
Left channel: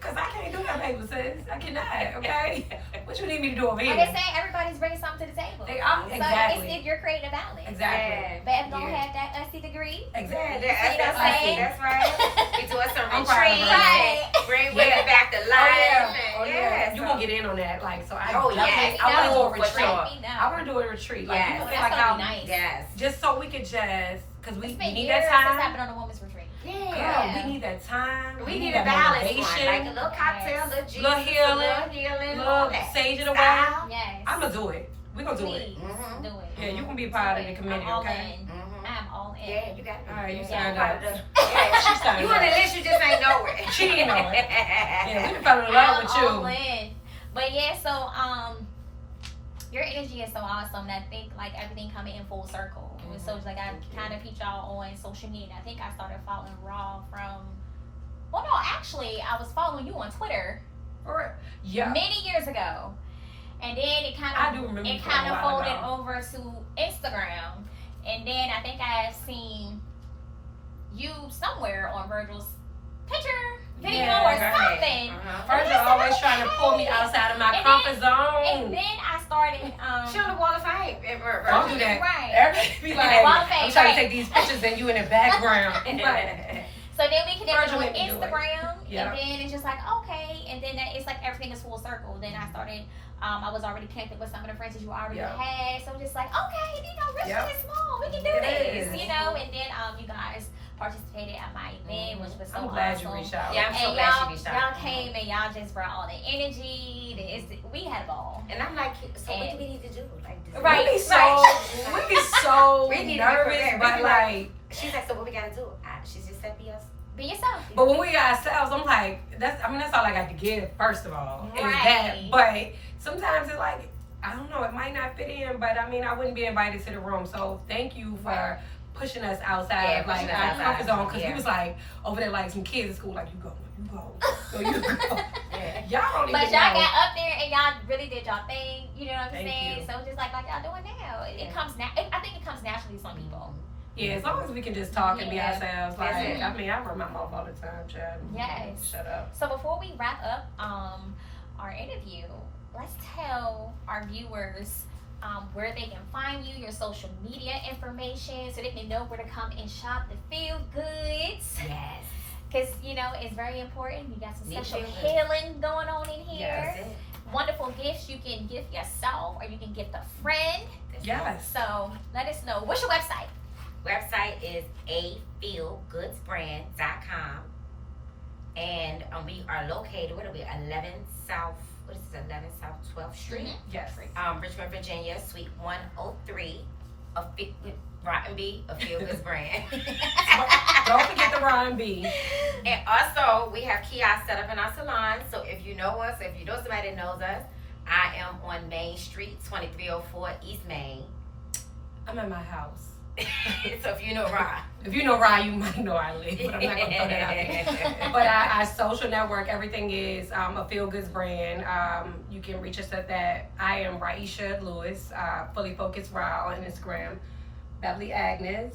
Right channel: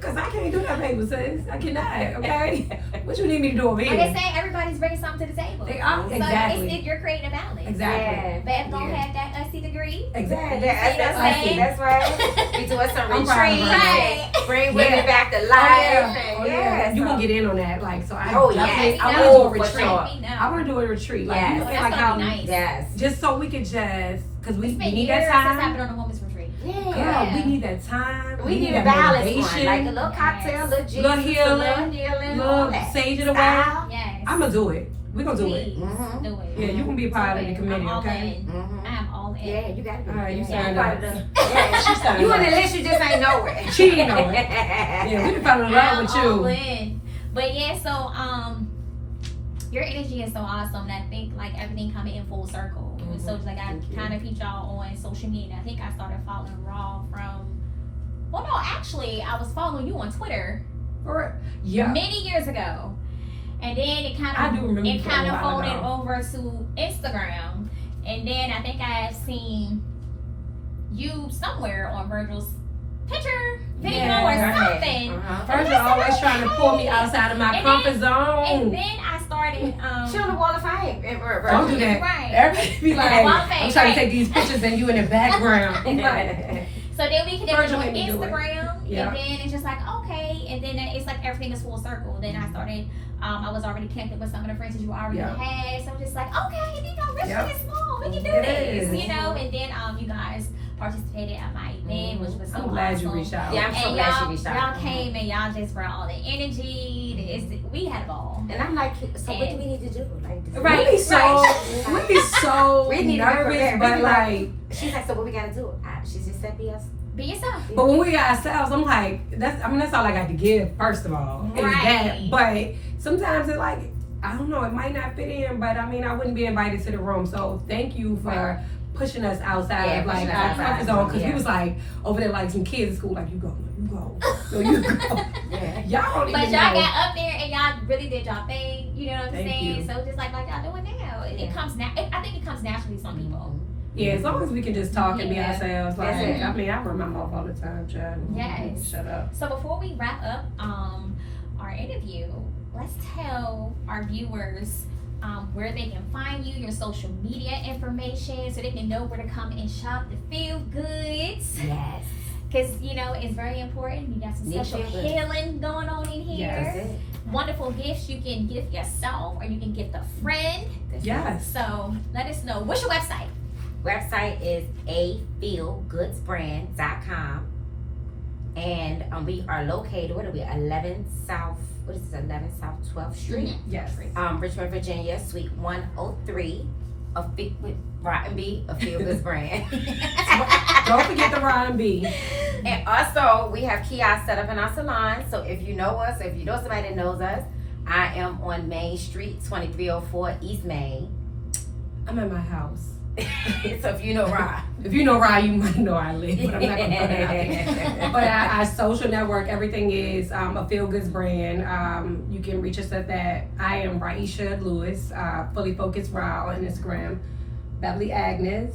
Cause I can't do that, baby, sis. I cannot. Okay. What you need me to do over Like I here? say, everybody's bringing something to the table. They are So exactly. it's if you're creating a balance. Exactly. Beth don't Yeah. have that USC degree. Exactly. That's right. We doing some I'm proud of retreats, her. and bring women Yeah. back to Oh, life. yeah. and Oh, yeah. You so- gonna get in on that, like, so I Oh, definitely, yes. I want to do a Oh, for retreat. sure. I want to do a retreat, like, Yes. you know, That's like gonna how, be nice. Yes. just so we could just, cause we It's been need years that since I've time. been on a women's retreat. Girl, we need that time. We need a that balance motivation. one, like a little cocktail, little Jesus, Little healing, a little healing, all Little that. sage of the way. Style. Yes. I'm gonna do it. We're gonna do it. Please Mhm. do it. Yeah, you can be a part of the I'm committee, all okay? in. Mhm. I'm all in. Yeah, you gotta be. All right, you Yeah, signed part up. of the- Yeah, She signed you on up. the list, you just ain't know it. She didn't know it. Yeah, we done fell in love with I'm all you. in. But yeah, so your energy is so awesome. And I think like everything coming in full circle. So it's like I Thank you. kind of peeped y'all on social media. I think I started following Raw from. Well, no, actually, I was following you on Twitter Yeah. many years ago, and then it kind I of do remember it from kind a of while folded ago. over to Instagram, and then I think I have seen you somewhere on Virgil's picture video Yeah. or something. Virgil always trying to pull me outside of my And comfort And zone. then I started. She on the wall of fame. Don't do that. Right. Everybody be like, Well, I'm trying to take these pictures and you in the background. Right. So then we connected Virgil on made me do it. Instagram, Yeah. and then it's just like okay, and then it's like everything is full circle. Then I started. I was already connected with some of the friends that you already Yeah. had, so I'm just like okay, Richmond Yep. is small, we can do It this, is. And then you guys participated at my event, which was so I'm glad you awesome. reached out. Yeah, I'm so And glad y'all, she reached out. y'all came and y'all just brought all the energy. We had a ball. And I'm like, so what do we need to do? Like, Right. We be so We need to be nervous, prepared. We but be like, She's like, so what we gotta do? She just said, be us. Be yourself. but when we ourselves, I'm like, that's all I got to give. First of all, is that. Right. But sometimes it's like, I don't know, it might not fit in, but I mean, I wouldn't be invited to the room. So thank you for pushing us outside Yeah, of like pushing us our outside. comfort zone, because we Yeah. was like over there like some kids at school, like you go, no, you go. Yeah. Y'all don't But even y'all know. got up there and y'all really did y'all thing. You know what I'm Thank saying? you. So just like y'all doing now, it Yeah. comes I think it comes naturally to some people. Yeah, as long as we can just talk and be Yeah. ourselves. Like, That's it. I mean, I run my mouth all the time, child. Yes. Shut up. So before we wrap up our interview, let's tell our viewers where they can find you, your social media information, so they can know where to come and shop the Feel Goods. Yes. Because, you know, it's very important. You got some Need special Feel Good. healing going on in here. Yes. That's it. Wonderful gifts you can gift yourself or you can gift a friend. Yes. So let us know. What's your website? Website is afeelgoodsbrand.com. And we are located, what are we, 11 South 12th Street? Yes. Richmond, Virginia, Suite 103. With Rotten B, a Feel Goods brand. Don't forget the Ryan B. And also, we have kiosks set up in our salon. So if you know us, or if you know somebody that knows us, I am on Main Street, 2304 East Main. I'm at my house. So if you know Rod. If you know Ryan, you might know I live, but I'm not gonna put it out there. But our social network, everything is a Feel Goods brand. You can reach us at that. I am Raisha Lewis, Fully Focused Raw on Instagram. Beverly Agnes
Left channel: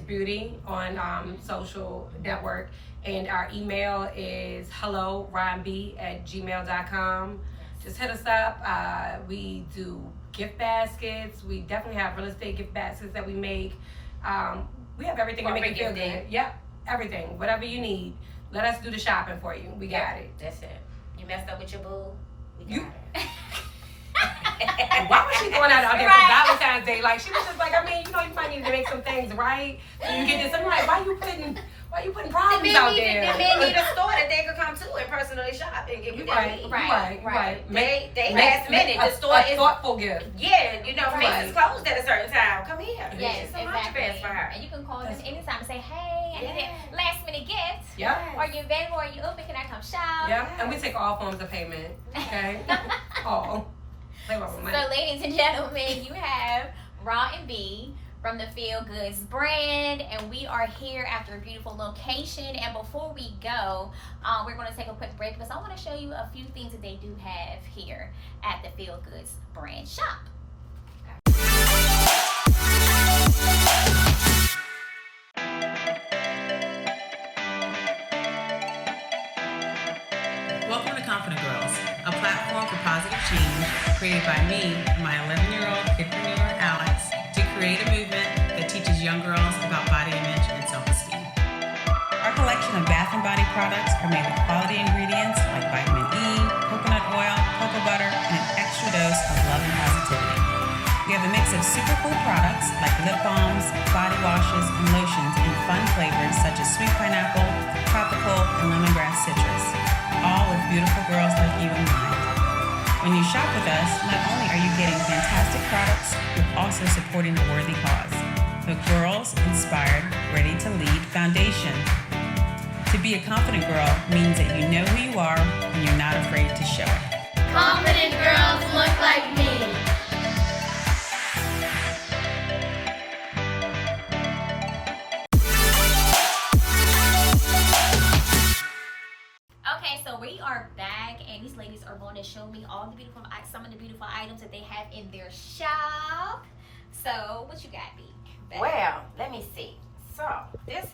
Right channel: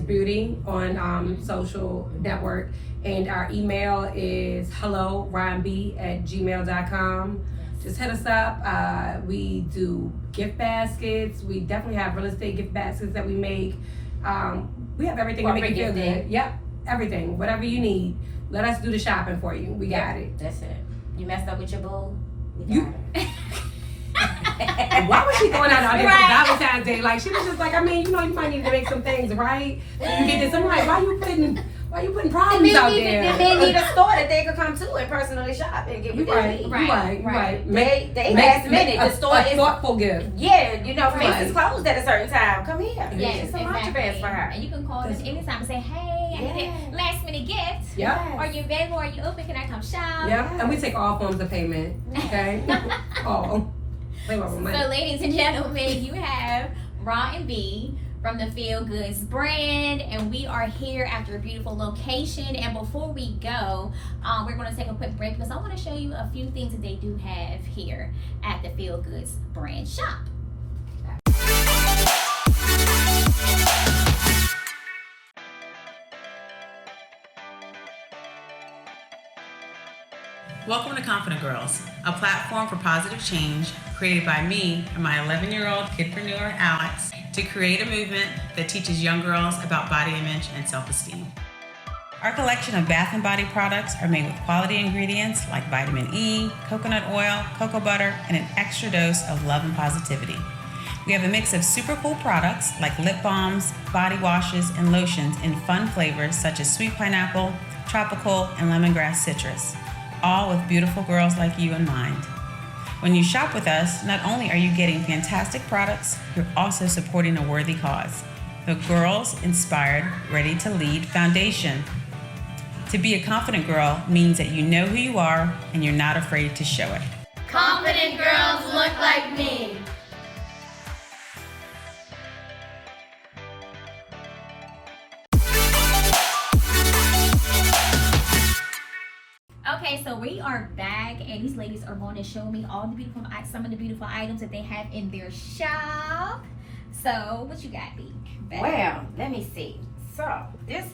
Beauty on social network. And our email is helloryanb@gmail.com. Just hit us up. We do gift baskets. We definitely have real estate gift baskets that we make. We have everything to make you feel good. Yep, everything. Whatever you need. Let us do the shopping for you. We got it. That's it. You messed up with your boo? We You- got it. Why was she going out there Right. for Valentine's Day? Like, she was just like, I mean, you know, you might need to make some things right. So you get this. I'm like, why you putting problems out there? They need a store that they could come to and personally shop and get You what they right, need. you right, you right. They last minute. The store a is thoughtful gift. yeah, you know, if Macy's Right. closed at a certain time, come here. Yes, It's some contrabands for her. And you can call us anytime and say, hey, I need a last minute gift. Yep. Are you available? Are you open? Can I come shop? Yep. And we take all forms of payment. Okay. All. Play with money. So, ladies and gentlemen, you have Raw and B from the Feel Goods brand, and we are here at your beautiful location. And before we go, we're going to take a quick break because I want to show you a few things that they do have here at the Feel Goods brand shop. Welcome to Confident Girls, a platform for positive change created by me and my 11-year-old kidpreneur, Alex, to create a movement that teaches young girls about body image and self-esteem. Our collection of bath and body products are made with quality ingredients like vitamin E, coconut oil, cocoa butter, and an extra dose of love and positivity. We have a mix of super cool products like lip balms, body washes, and lotions in fun flavors such as sweet pineapple, tropical, and lemongrass citrus, all with beautiful girls like you in mind. When you shop with us, not only are you getting fantastic products, you're also supporting a worthy cause. The Girls Inspired, Ready to Lead Foundation. To be a confident girl means that you know who you are and you're not afraid to show it. Confident girls look like me. Okay, so we are back, and these ladies are going to show me all the some of the beautiful items that they have in their shop. So, what you got, B? Well, let me see. So this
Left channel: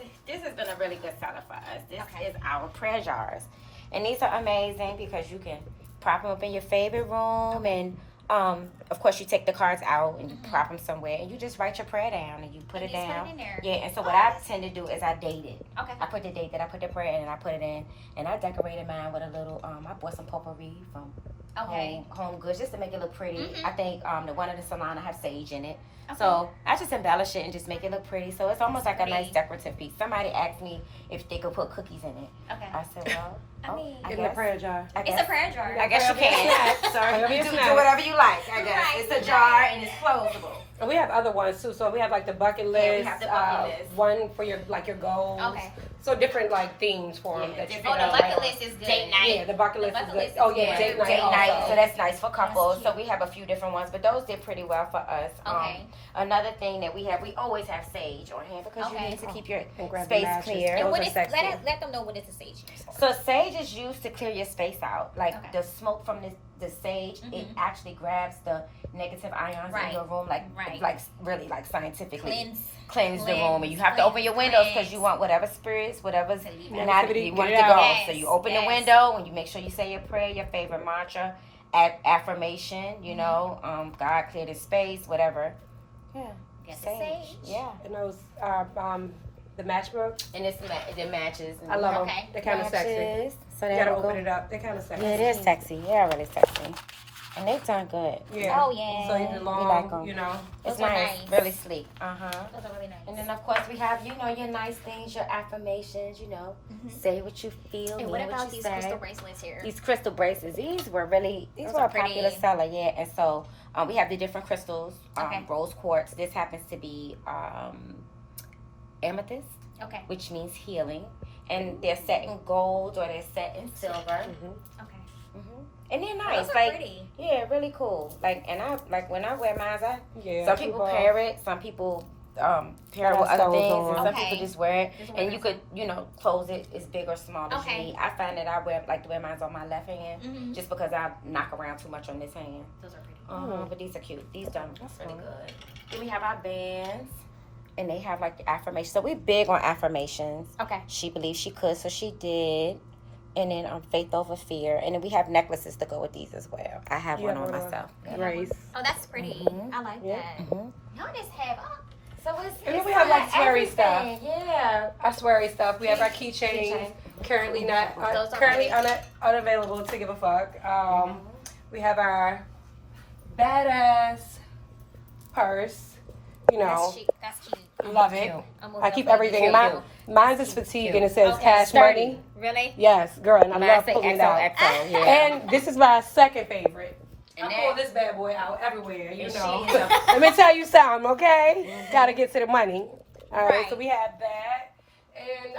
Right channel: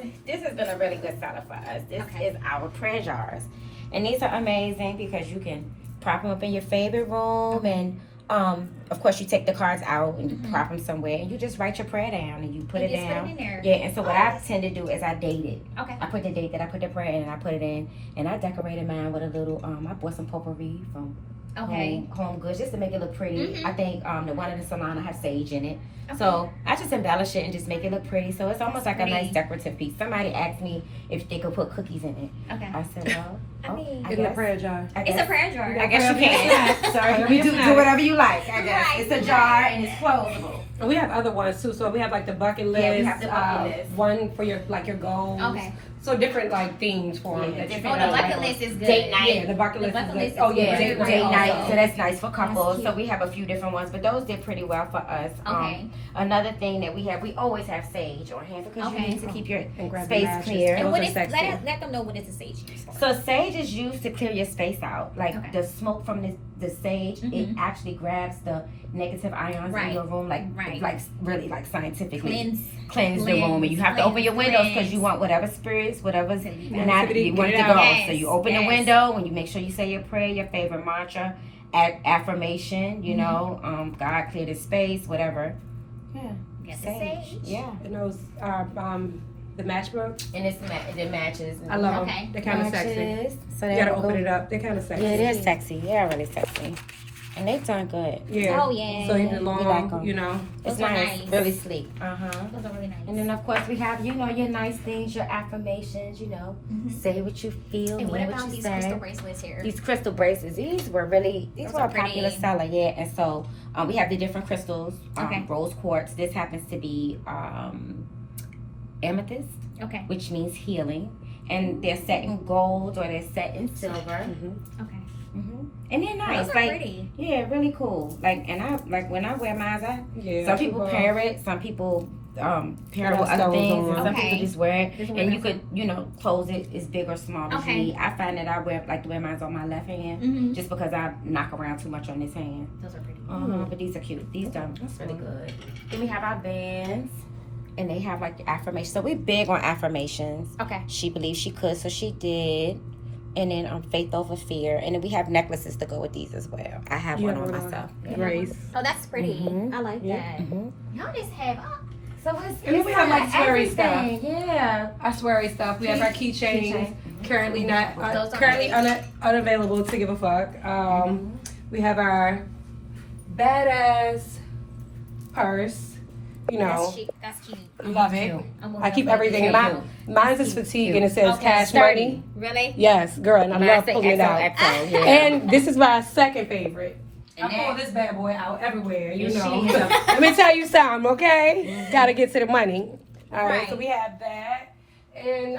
has been a really good seller for us. This is our prayer jars, and these are amazing because you can prop them up in your favorite room, and of course you take the cards out and you prop them somewhere, and you just write your prayer down and you put it just down. Put it in there. Yeah, and so what I tend to do is I date it. Okay. I put the date that I put the prayer in, and I put it in, and I decorated mine with a little. I bought some potpourri from Home Goods just to make it look pretty. I think the one in the salon I have sage in it. So I just embellish it and just make it look pretty. So it's almost like a nice decorative piece. Somebody asked me if they could put cookies in it. Okay. I said, well, I In the guess. prayer jar. It's a prayer jar. I guess you can. So you do whatever you like. I guess Right. it's a jar and it's closable. And we have other ones too. So we have like the bucket list. Yeah, we have the bucket list. One for your goals. Okay. So different like themes for them. Yeah, that you different can Oh, the like. bucket list is good. Date night. Yeah, the bucket list. The bucket is list good. Oh is yeah, good. Date night. also. So that's nice for couples. cute. So we have a few different ones, but those did pretty well for us. Okay. Another thing that we always have sage on hand because Okay. you need to keep your And grab the space matches. clear. And Those what are is sexy. let them know what is the sage used for. So sage is used to clear your space out. Like Okay. the smoke from the the sage, it actually grabs the negative ions in your room, like really like scientifically cleanse the room. And you have to open your windows because you want whatever spirits, whatever's not you want it to go. Yes, So you open the window and you make sure you say your prayer, your favorite mantra, affirmation. You know, God clear the space, whatever. Yeah. Sage. Yeah. And those the matchbooks. And it matches. I love them. Okay. They're kind of sexy. So You gotta open it up. They're kind of sexy. Yeah, they're sexy. Yeah, really sexy. And they turn good. Yeah. Oh, yeah. So they're long, We like 'em. you know. It's Those are nice. nice. Really sleek. Uh-huh. Those are really nice. And then of course we have, you know, your nice things, your affirmations, you know. Say what you feel, And mean what what about you these say. crystal bracelets here? These crystal bracelets, these were a Those are popular pretty. seller, yeah. And so we have the different crystals, Okay. rose quartz. This happens to be amethyst, Okay. which means healing. And they're set in gold or they're set in silver. Okay. And they're nice. Those are Like, pretty. yeah, really cool. Like, and I like when I wear mine, Yeah. some people pair it, some people pair it with other stones things, on. and some Okay. people just wear it. Just wear And it. you could, you know, close it as big or small as Okay. you need. I find that I like to wear mine on my left hand just because I knock around too much on this hand. Those are pretty. But these are cute. These are really good. Then we have our bands, and they have like the affirmations. So we're big on affirmations. Okay. She believed she could, so she did. And then faith over fear. And then we have necklaces to go with these as well. I have one on myself. Grace. Oh, that's pretty. Mhm. I like that. Y'all just have. So it's And we have like sweary stuff. everything. Yeah. Our sweary stuff. We have our keychains. Currently not Those are currently unavailable to give a fuck. We have our badass purse. You know, That's cute. That's cute. love it. I'm I keep everything in mine. Mine's is fatigue and it says Okay, cash money. Really? Yes, girl, and I love say pulling it out. XOXO, yeah. And this is my second favorite. And I pull this bad boy out everywhere, you And know. she is a- Let me tell you something, okay? Gotta get to the money. All right, so Right. we have that. And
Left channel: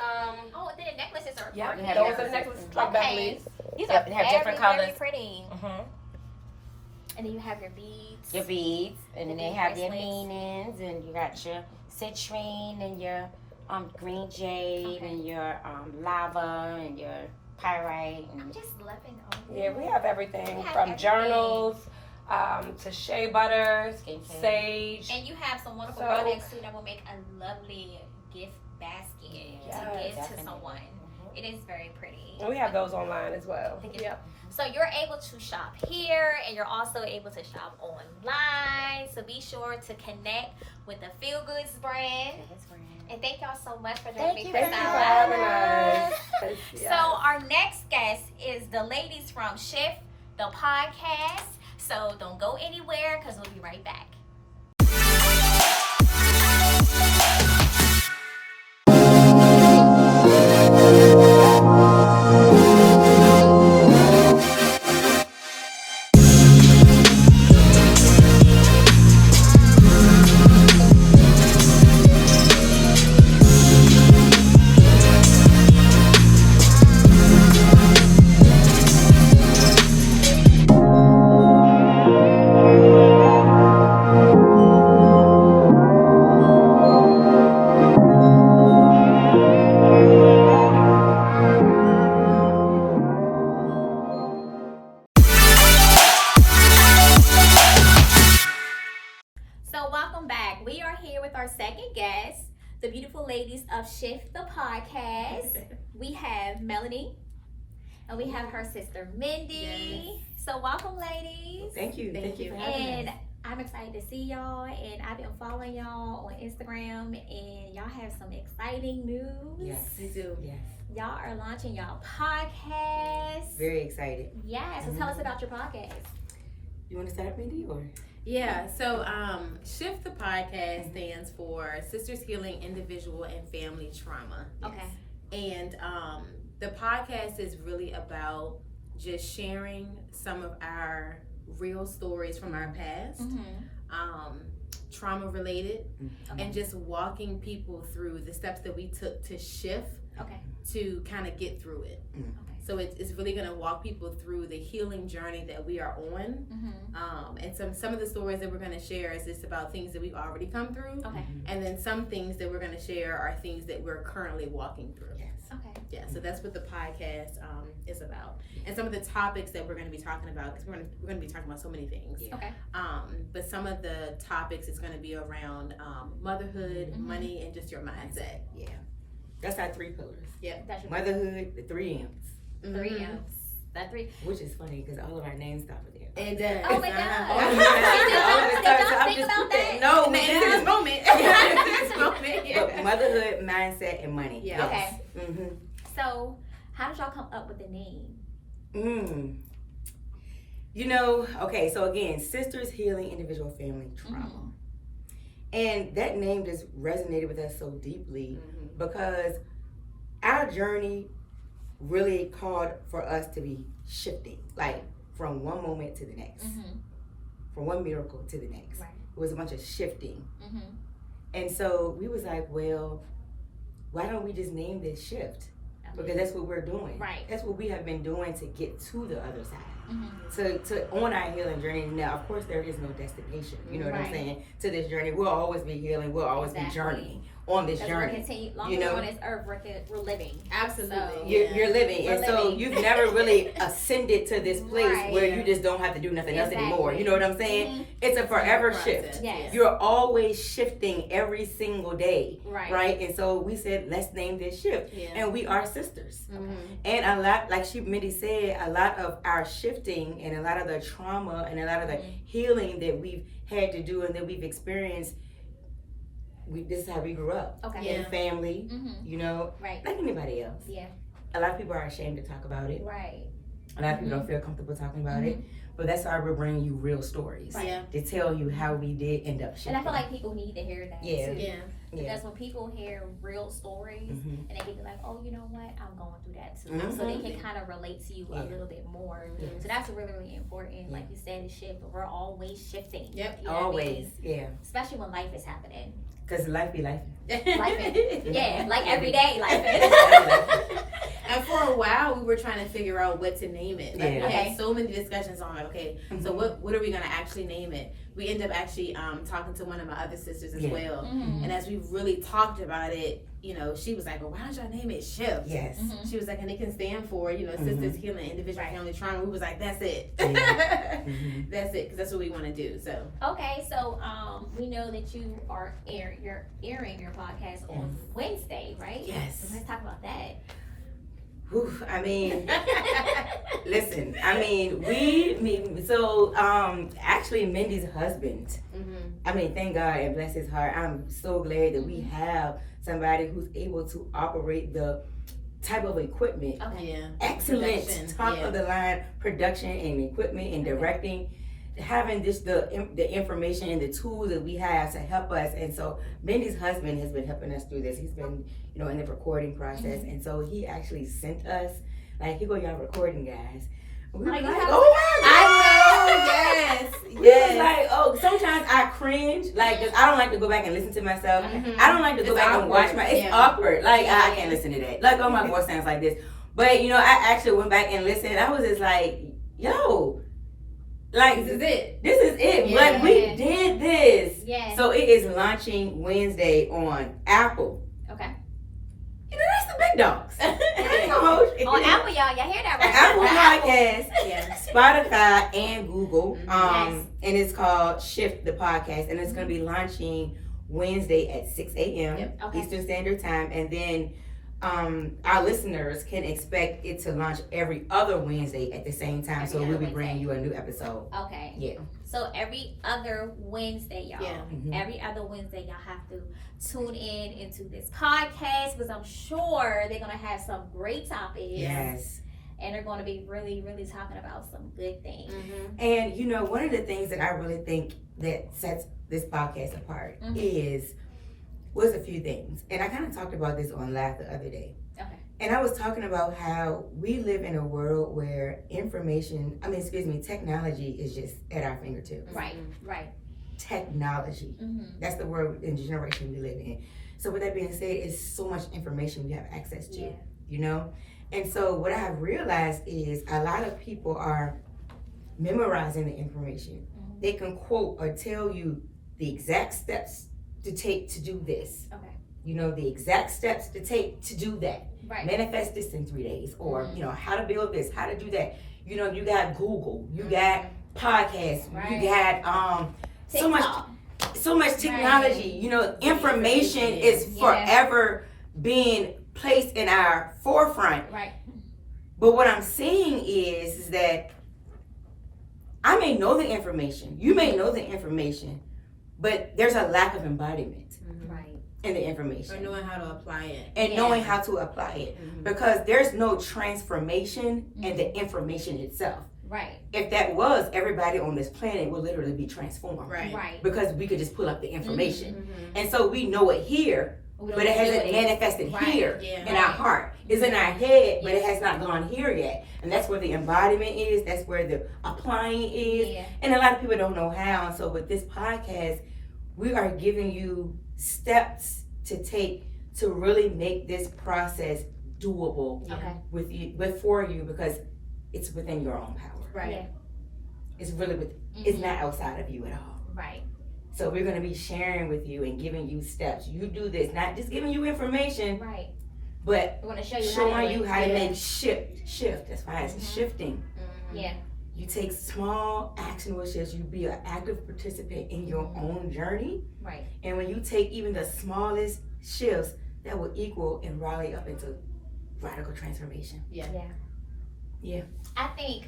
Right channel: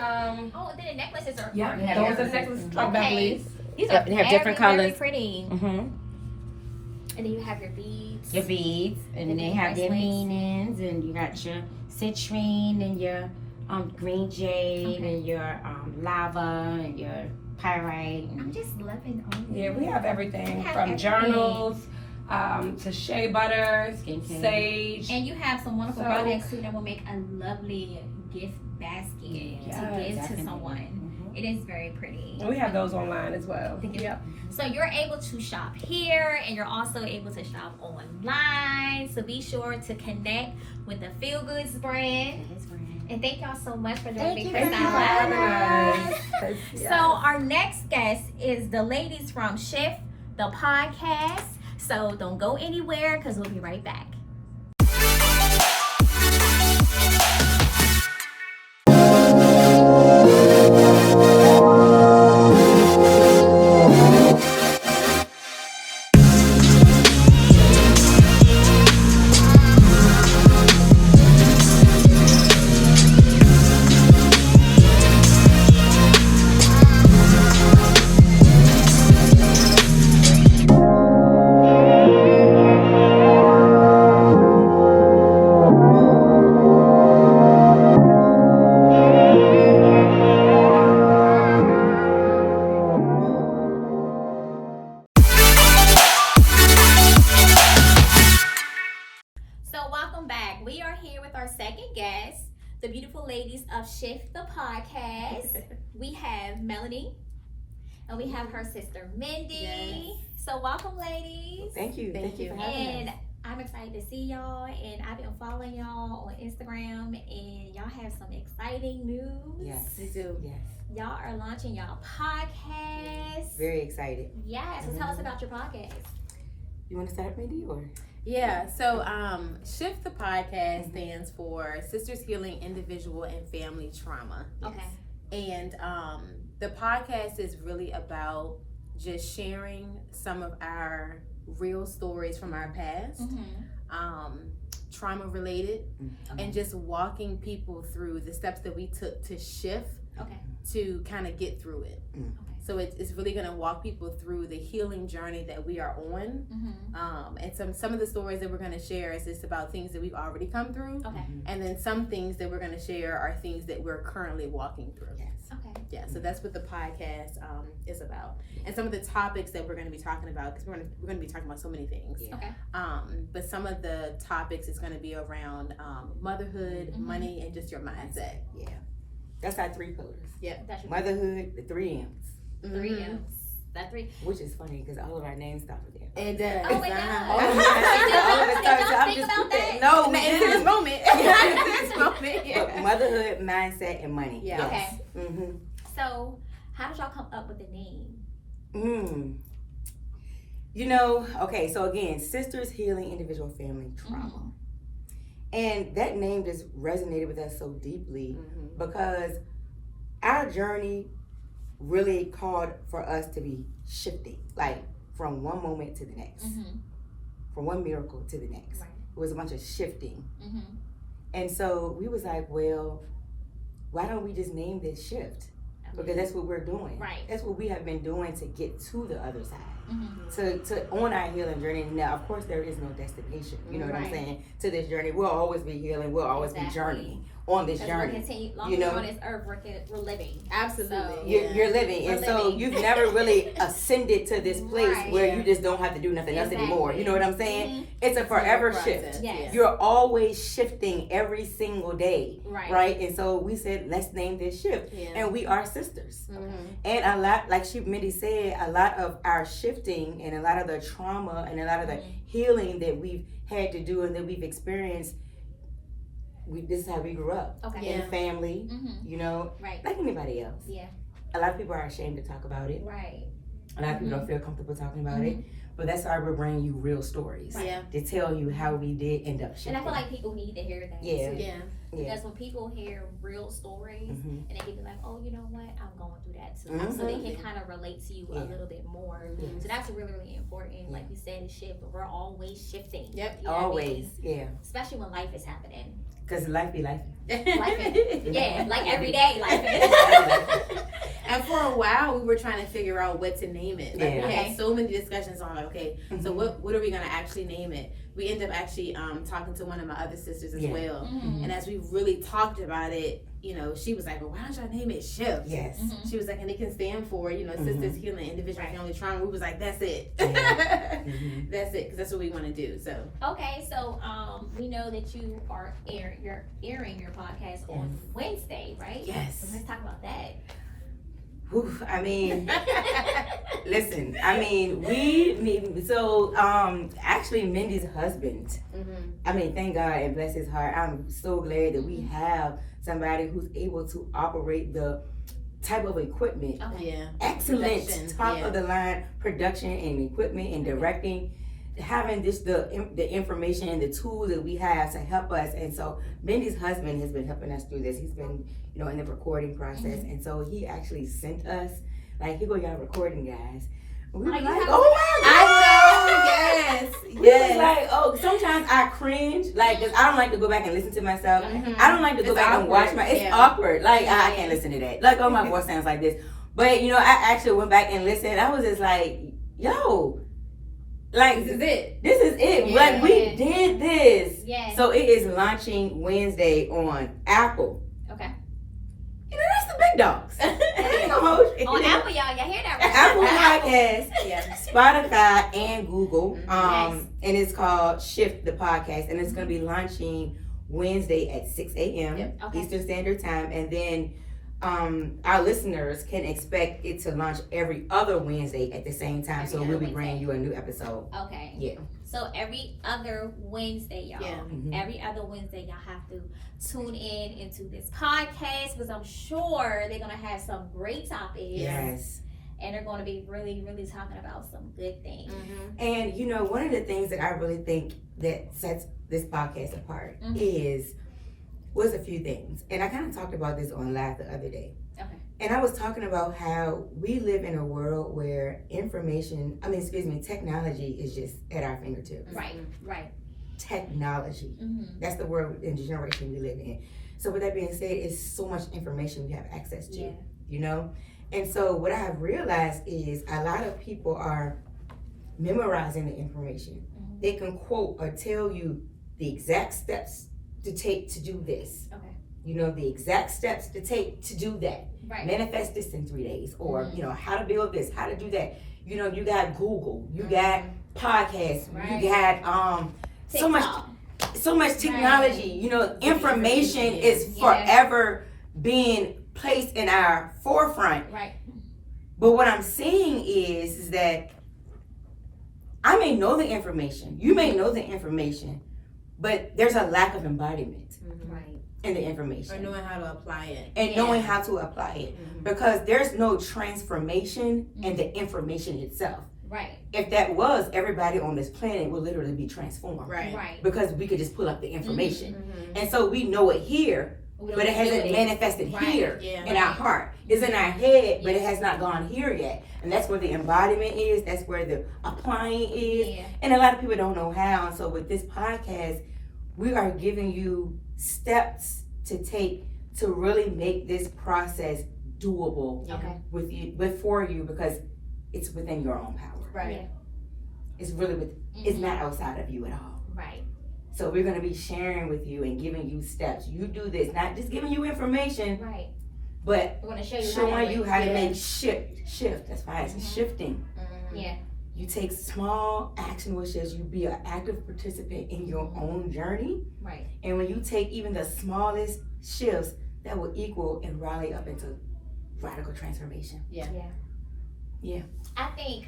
Oh, then the necklaces are. yeah, are Yeah, those yeah. are necklaces Okay. like Beverly's. These Yep, are they have different very, colors. Very pretty. And then you have your beads. Your beads, and then they have their Bracelets. meanings, and you got your citrine and your green jade Okay. and your lava and your pyrite. I'm And just loving all Yeah, we have everything We have from everything. journals to shea butter, Skincare. sage. And you have some wonderful So- products too that will make a lovely gift basket to give to definitely. someone. It is very pretty. And we have those online as well. Yep. So you're able to shop here and you're also able to shop online. So be sure to connect with the Feel Goods brand. And thank y'all so much for joining me. Thank you for for having Sound. us. So our next guest is the ladies from Shift the podcast. So don't go anywhere because we'll be right back. So welcome back. We are here with our second guest, the beautiful ladies of Shift the podcast. We have Melanie and we have her sister Mindy. So welcome, ladies. Thank you. Thank you for having And us. I'm excited to see y'all, and I've been following y'all on Instagram, and y'all have some exciting news. Yes, we do. Yes, Y'all are launching y'all podcast. very excited. Yeah, so tell us about your podcast. You want to start, Mindy, or? Yeah, so Shift the podcast stands for Sisters Healing Individual and Family Trauma. Okay. And the podcast is really about just sharing some of our real stories from our past, trauma related, and just walking people through the steps that we took to shift Okay. to kind of get through it. Okay. So it's really going to walk people through the healing journey that we are on. And some of the stories that we're going to share is just about things that we've already come through. Okay. And then some things that we're going to share are things that we're currently walking through. Yes. Okay. Yeah, so that's what the podcast is about, and some of the topics that we're going to be talking about, because we're going to be talking about so many things. Yeah. Okay. But some of the topics is going to be around motherhood, money, and just your mindset. Yeah. That's our 3 pillars. That's your Motherhood, the 3 M's. 3 M's. That 3. Which is funny because all of our names start with M. It does. Oh my God. All of Did it y'all starts- I'm think just about putting- that? No, we In this didn't. moment. This moment. But motherhood, mindset, and money. Yeah. Okay. Mm-hmm. So, how did y'all come up with the name? You know, okay, so again, Sisters Healing Individual Family Trauma. And that name just resonated with us so deeply because our journey really called for us to be shifting, like from one moment to the next, from one miracle to the next. Right. It was a bunch of shifting. Mm-hmm. And so we was like, well, why don't we just name this shift? Because that's what we're doing. Right. That's what we have been doing to get to the other side. Mm-hmm. To on our healing journey. Now, of course, there is no destination. You know what I'm Right. saying? To this journey, we'll always be healing. We'll always Exactly. be journeying on this Because we're journey. continuing, long you as know? we're on this earth, we're living. Absolutely. So, You're living, We're and so living. you've never really ascended to this place Right. where you just don't have to do nothing else anymore. You know what I'm saying? Mhm. It's a forever Process. shift. Yes. You're always shifting every single day, Right. right? And so we said, let's name this shift, Yeah. and we are sisters. Okay. And a lot, like Mindy said, a lot of our shifting and a lot of the trauma and a lot of the healing that we've had to do and that we've experienced, this is how we grew up. Okay. In family, Mm-hmm. you know, Right. like anybody else. Yeah. A lot of people are ashamed to talk about it. Right. A lot of people don't feel comfortable talking about it. But that's why we're bringing you real stories Yeah. to tell you how we did end up shifting. And I feel like people need to hear that Yeah. too. Yeah. Because when people hear real stories, Mhm. and they can be like, oh, you know what, I'm going through that too. Mhm. So they can kind of relate to you a Yeah. little bit more. Yes. So that's really, really important. Like you said, it's shift. We're always shifting. Yep. You know what I Always, mean? yeah. Especially when life is happening. Because life be life. Yeah, like every day life. And for a while, we were trying to figure out what to name it. Like, Yeah. we had so many discussions on, like, okay, so Mhm. what are we going to actually name it? We ended up actually talking to one of my other sisters as Yeah. well. Mhm. And as we really talked about it, you know, she was like, well, why don't y'all name it Shift? Yes. Mhm. She was like, and it can stand for, you know, Sisters Healing Individual Family Trauma. We was like, that's it. Yeah. Mhm. That's it, because that's what we want to do. So, Okay, so we know that you're airing your podcast on Wednesday, right? Yes. So let's talk about that. Whew, I mean, listen, I mean, actually Mindy's husband, I mean, thank God and bless his heart. I'm so glad that we have somebody who's able to operate the type of equipment, Okay. yeah. excellent, Production, top yeah. of the line production and equipment and directing, having the information and the tools that we have to help us. And so Mindy's husband has been helping us through this. He's been, you know, in the recording process, and so he actually sent us, like, here go y'all recording, guys. We were Like, like, you have oh my God! I know, yes, We was yes. like, oh, sometimes I cringe, like, 'cause I don't like to go back and listen to myself. Mhm. I don't like to go It's back and awkward, watch it's yeah. awkward. Like, I Yeah. can't listen to that. Like, oh, my voice sounds like this. But, you know, I actually went back and listened. I was just like, yo, like, This is it. this is it. Yeah. Like, we did this. Yeah. So it is launching Wednesday on Apple. Okay. You know, that's the big dogs. On Apple, y'all hear that right? Apple Podcast, Yeah. Spotify, and Google. Yes. And it's called Shift the Podcast, and it's going to be launching Wednesday at 6 a.m. Yep. Okay. Eastern Standard Time, and then our listeners can expect it to launch every other Wednesday at the same time. So Every we'll other be bringing Wednesday. you a new episode. Okay. Yeah. So every other Wednesday, y'all. Yeah. Mhm. Every other Wednesday, y'all have to tune in into this podcast because I'm sure they're gonna have some great topics. Yes. And they're gonna be really, really talking about some good things. And you know, one of the things that I really think that sets this podcast apart was a few things. And I kind of talked about this on live the other day. Okay. And I was talking about how we live in a world where technology is just at our fingertips. Right. Right. Technology. Mm-hmm. That's the world and generation we live in. So with that being said, it's so much information we have access to, Yeah. you know? And so what I have realized is a lot of people are memorizing the information. Mhm. They can quote or tell you the exact steps to take to do this. Okay. you know, the exact steps to take to do that. Right. Manifest this in 3 days, or Mhm. you know, how to build this, how to do that. You know, you got Google, you got podcasts, Right. you got TikTok. so much technology. You know, information is Yeah. forever being placed in our forefront. Right. But what I'm saying is that I may know the information, you may know the information, but there's a lack of embodiment Right. in the Or information knowing how to apply it. and Yeah. knowing how to apply it, because there's no transformation in the information itself. Right. If that was, everybody on this planet would literally be transformed. Right. Right. Because we could just pull up the information. Mhm. And so we know it here, We don't but it have to hasn't do manifested Right. here Yeah. in our heart. It's in our head, but it Yeah. has not gone here yet. And that's where the embodiment is. That's where the applying is. Yeah. And a lot of people don't know how. And so with this podcast, we are giving you steps to take to really make this process doable Okay. for you, because it's within your own power. Right. Yeah. It's really it's Mhm. not outside of you at all. Right. So we're gonna be sharing with you and giving you steps. You do this, not just giving you information, Right. but We're gonna show you showing you how to yeah. make shift. That's why it's Mhm. shifting. Yeah. You take small action, which is you be an active participant in your own journey. Right. And when you take even the smallest shifts, that will equal and rally up into radical transformation. Yeah. Yeah. I think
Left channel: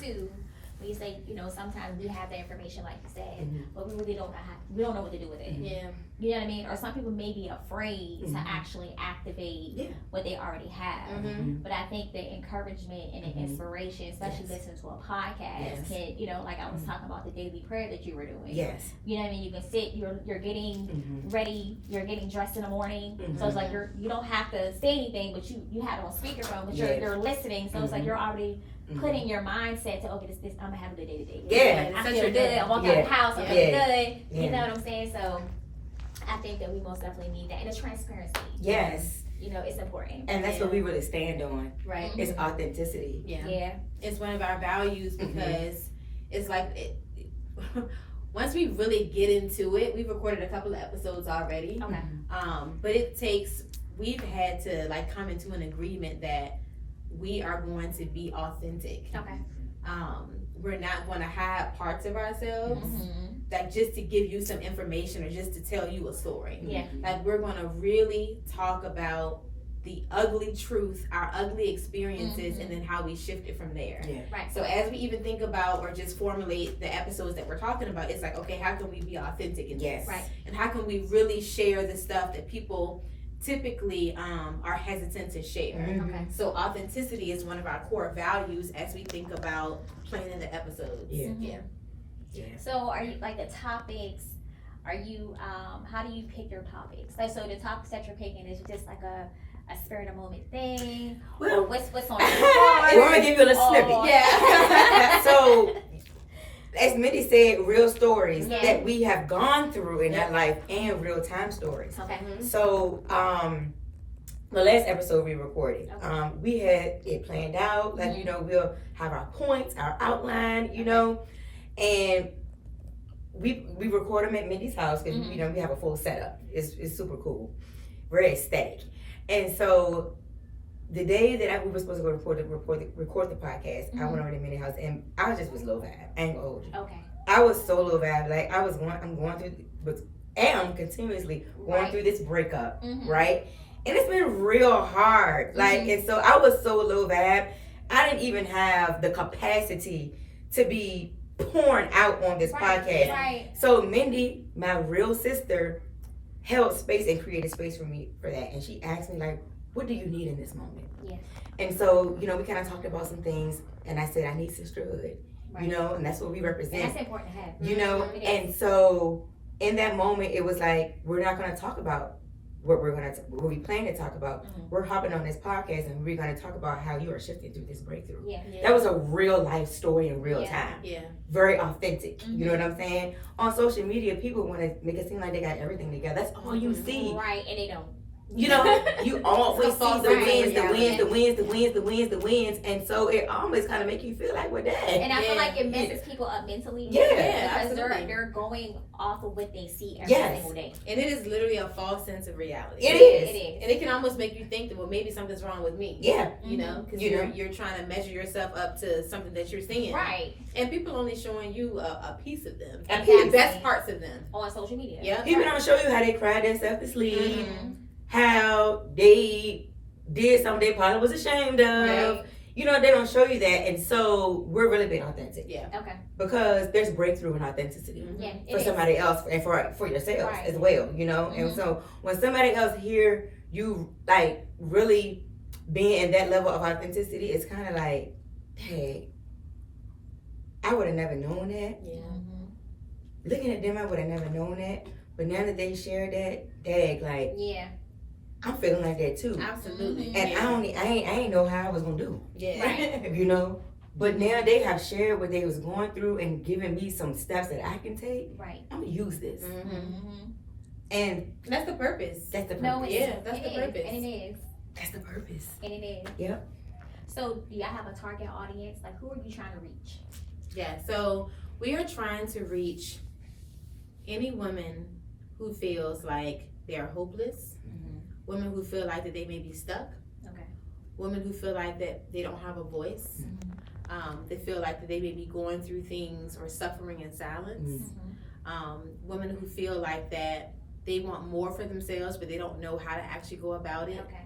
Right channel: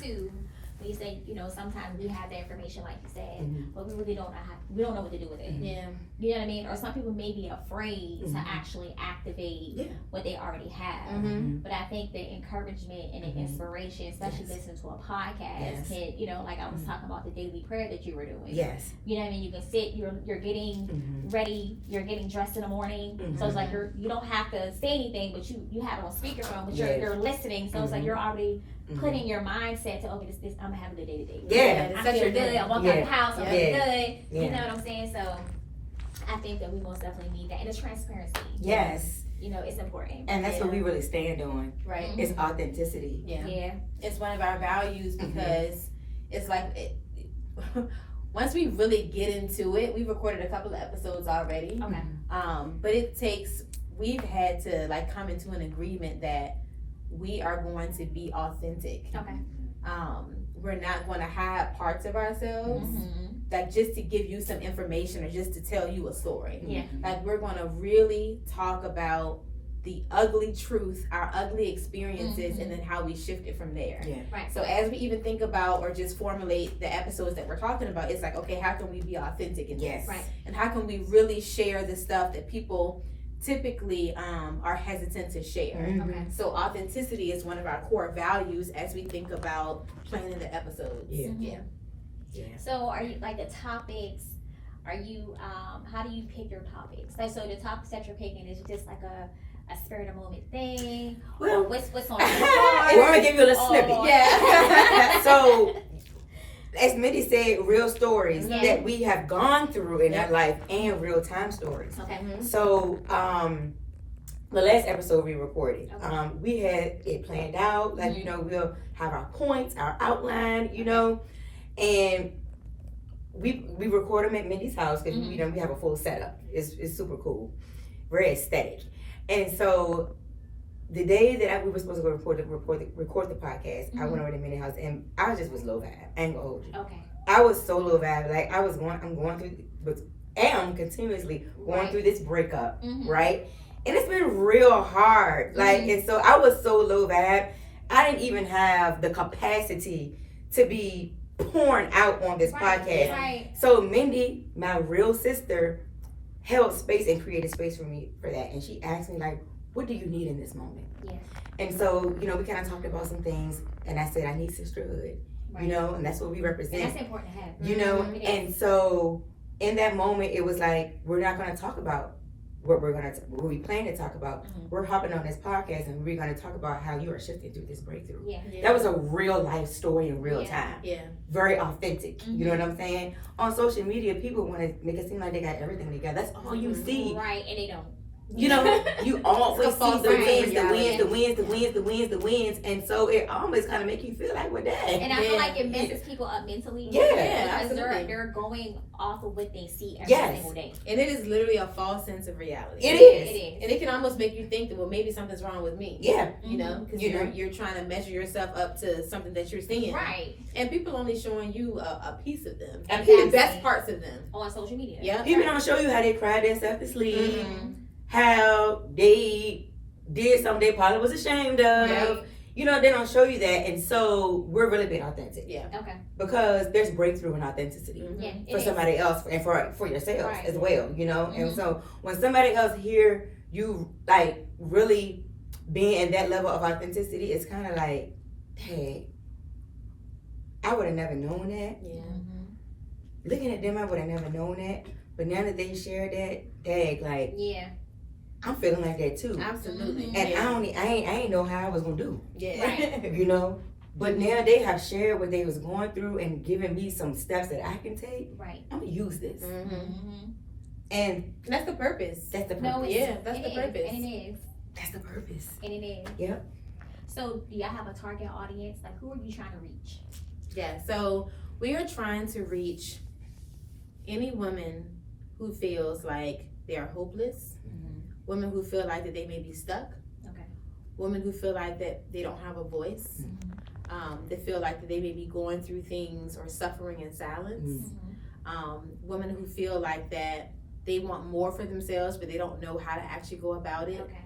too, when you say, you know, sometimes we have the information like you said, Mhm. but we really don't know we don't know what to do with it. Yeah. You know what I mean? Or some people may be afraid to Mhm. actually activate Yeah. what they already have. Mm-hmm. But I think the encouragement and the Mhm. inspiration, especially Yes. listening to a podcast, Yes. can, you know, like I was Mhm. talking about the daily prayer that you were doing. Yes. You know what I mean? You can sit, you're getting Mhm. ready, you're getting dressed in the morning. So it's like you don't have to say anything, but you have it on speakerphone, but Yes. you're listening. So it's like Mhm. you're already Mhm. putting your mindset to, okay, this I'm gonna have a good day today. Yeah. I Such feel a good. I'm walking out Yeah. the house. I'm Yeah. feeling good. You Yeah. know what I'm saying? So I think that we most definitely need that, and the transparency. Yes. You know, it's important. And that's what we really stand on. Right. It's authenticity. Yeah. Yeah. It's one of our values because it's like once we really get into it, we've recorded a couple of episodes already. Okay. But we've had to like come into an agreement that we are going to be authentic. Okay. We're not going to hide parts of ourselves, Mm-hmm. like just to give you some information or just to tell you a story. Yeah. Like we're going to really talk about the ugly truth, our ugly experiences, and then how we shift it from there. Yeah. Right. So as we even think about or just formulate the episodes that we're talking about, it's like, okay, how can we be authentic in Yes. this? Right. And how can we really share the stuff that people typically are hesitant to share? Mhm. Okay. So authenticity is one of our core values as we think about planning the episodes. Yeah. Mhm. Yeah. So are you like the topics? Are you how do you pick your topics? Like, so the topics that you're picking is just like a spirit of moment thing. Well, What's on your I want to give you a little snippet. Oh, yeah. So, as Mindy said, real stories Yeah. that we have gone through in Yeah. our life and real time stories. Okay. So, the last episode we recorded, Okay. we had it planned out. Like, you know, we'll have our points, our outline, you know, and we record them at Mindy's house because, you know, we have a full setup. It's super cool, very aesthetic. And so, the day that we were supposed to go record the podcast, I went over to Mindy's house and I was low vibe. I ain't gonna hold you. Okay. I was so low vibe. Like I'm going through, am continuously going Right. through this breakup, Mhm. right? And it's been real hard. Like, and so I was so low vibe. I didn't even have the capacity to be pouring out on this Right. podcast. Right. So Mindy, my real sister, held space and created space for me for that. And she asked me, like, what do you need in this moment? Yeah. And so, you know, we kind of talked about some things. And I said, I need sisterhood. Right. You know, and that's what we represent. And that's important to have. You know, It is. and so in that moment, it was like, we're not going to talk about what we plan to talk about. Mhm. We're hopping on this podcast and we're going to talk about how you are shifting through this breakthrough. Yeah. That was a real life story in real Yeah. time. Yeah. Very authentic. You know what I'm saying? On social media, people want to make it seem like they got everything together. That's all you see. Right. And they don't. You know, you always see false the sense of wins, the reality. wins, the wins, the wins, the wins, the wins, and so it always kind of make you feel like, well, dang. And I feel Yeah. like it messes people up mentally. Yeah. because absolutely. they're going off of what they see every Yes. single day. And it is literally a false sense of reality. It is. It is. And it can almost make you think that, well, maybe something's wrong with me. Yeah. You know, because You know. you're trying to measure yourself up to something that you're seeing. Right. And people only showing you a piece of them. A The piece. best parts of them. On social media. Yeah. People don't show you how they cried themselves to sleep, Mhm. how they did something they probably was ashamed of. Right. You know, they don't show you that, and so we're really being authentic Yeah. Okay. because there's breakthrough in authenticity. Mhm. Yeah. For it is. somebody else and for yourselves Right. as well, you know. And Mhm. so when somebody else hear you like really being in that level of authenticity, it's kind of like, hey, I would have never known that. Yeah. Looking at them, I would have never known that. But now that they shared that, dang, like Yeah. I'm feeling like that too. Absolutely. And yeah. I ain't know how I was gonna do, Yeah. Right. you know. But now they have shared what they was going through and given me some steps that I can take. Right. I'm gonna use this, Mhm. Mm-hmm. and That's the purpose. that's the purpose. No, it's, Yeah, that's it the is, purpose. and it is, That's the purpose. and it is. Yep. So, do y'all have a target audience? Like, who are you trying to reach? Yeah. So we are trying to reach any woman who feels like they are hopeless, women who feel like that they may be stuck, Okay. women who feel like that they don't have a voice, that feel like that they may be going through things or suffering in silence, women who feel like that they want more for themselves but they don't know how to actually go about it, Okay.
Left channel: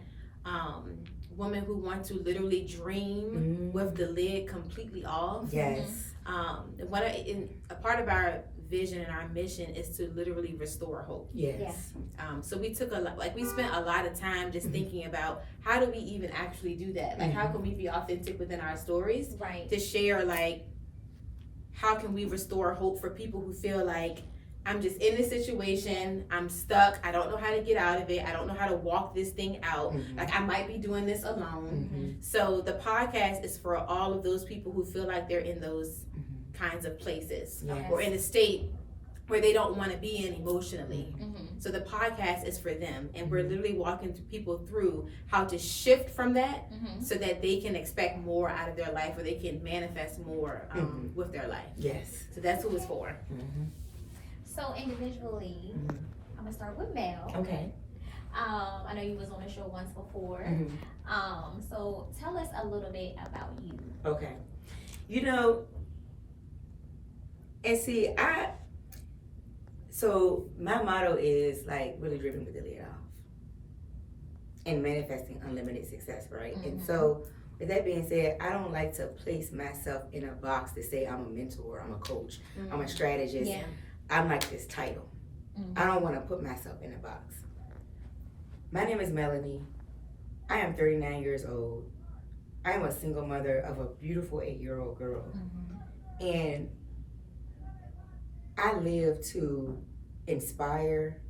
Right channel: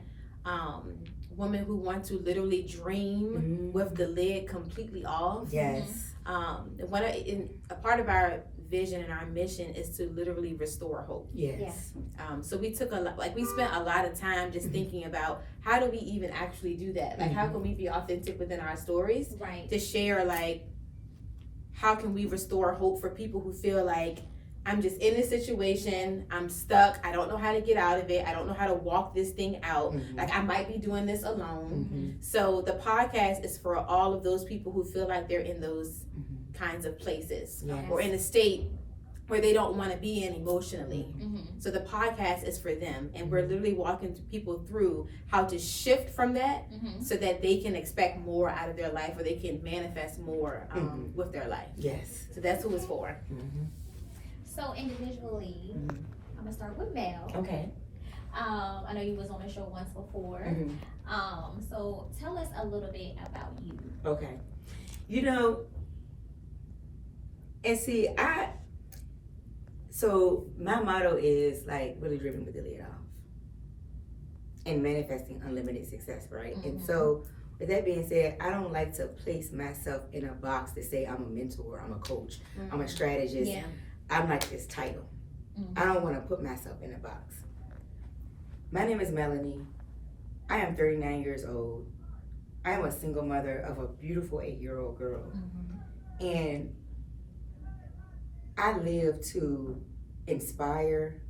women who want to literally dream with the lid completely off. Yes. A part of our vision and our mission is to literally restore hope. Yes. So we took we spent a lot of time just thinking about how do we even actually do that? Like, how can we be authentic within our stories Right. to share, like, how can we restore hope for people who feel like I'm just in this situation, I'm stuck, I don't know how to get out of it, I don't know how to walk this thing out, like I might be doing this alone. So the podcast is for all of those people who feel like they're in those kinds of places Yes. or in a state where they don't want to be in emotionally. Mm-hmm. So the podcast is for them, and we're literally walking people through how to shift from that Mm-hmm. so that they can expect more out of their life, or they can manifest more with their life. Yes. So that's who it's for. So, individually, I'm gonna start with Mel. Okay. I know you was on the show once before. So tell us a little bit about you. Okay. You know, and see, so my motto is like really driven with the lid off and manifesting unlimited success, right? And so with that being said, I don't like to place myself in a box to say I'm a mentor, I'm a coach, I'm a strategist. Yeah. I'm like this title. I don't want to put myself in a box. My name is Melanie. I am 39 years old. I am a single mother of a beautiful 8-year-old girl. And I live to inspire,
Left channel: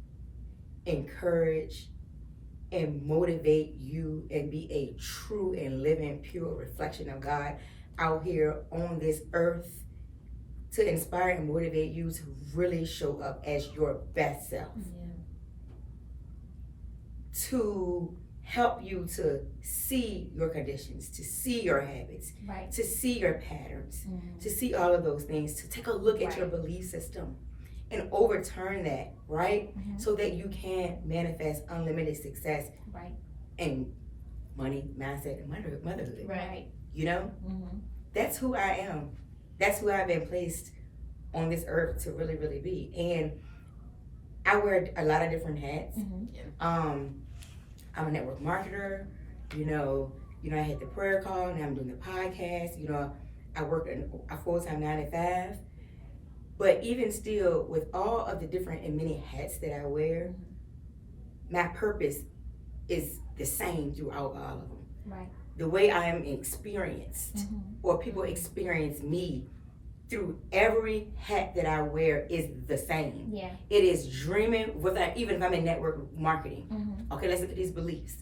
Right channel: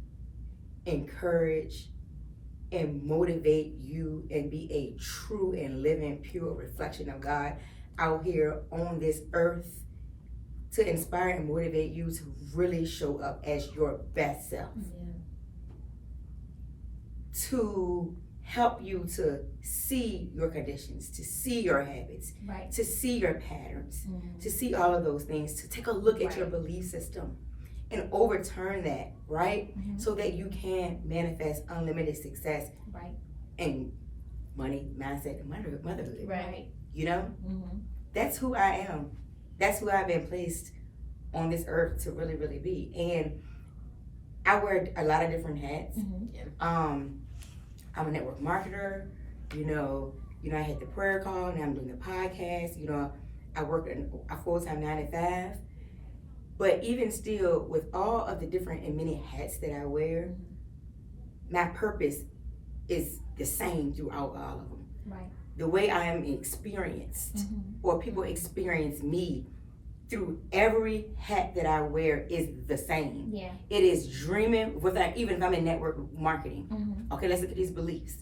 encourage, and motivate you and be a true and living, pure reflection of God out here on this earth, to inspire and motivate you to really show up as your best self. To help you to see your conditions, to see your habits, Right. to see your patterns, to see all of those things, to take a look at your belief system and overturn that, right? So that you can manifest unlimited success Right. and money, mindset, and motherhood. Right. You know? That's who I am. That's who I've been placed on this earth to really, really be. And I wear a lot of different hats. I'm a network marketer. You know, I had the prayer call, now I'm doing the podcast. You know, I work a full-time 9 to 5. But even still, with all of the different and many hats that I wear, my purpose is the same throughout all of them. Right. The way I am experienced, or people experience me through every hat that I wear, is the same. Yeah. It is dreaming without, even if I'm in network marketing. Okay, let's look at these beliefs.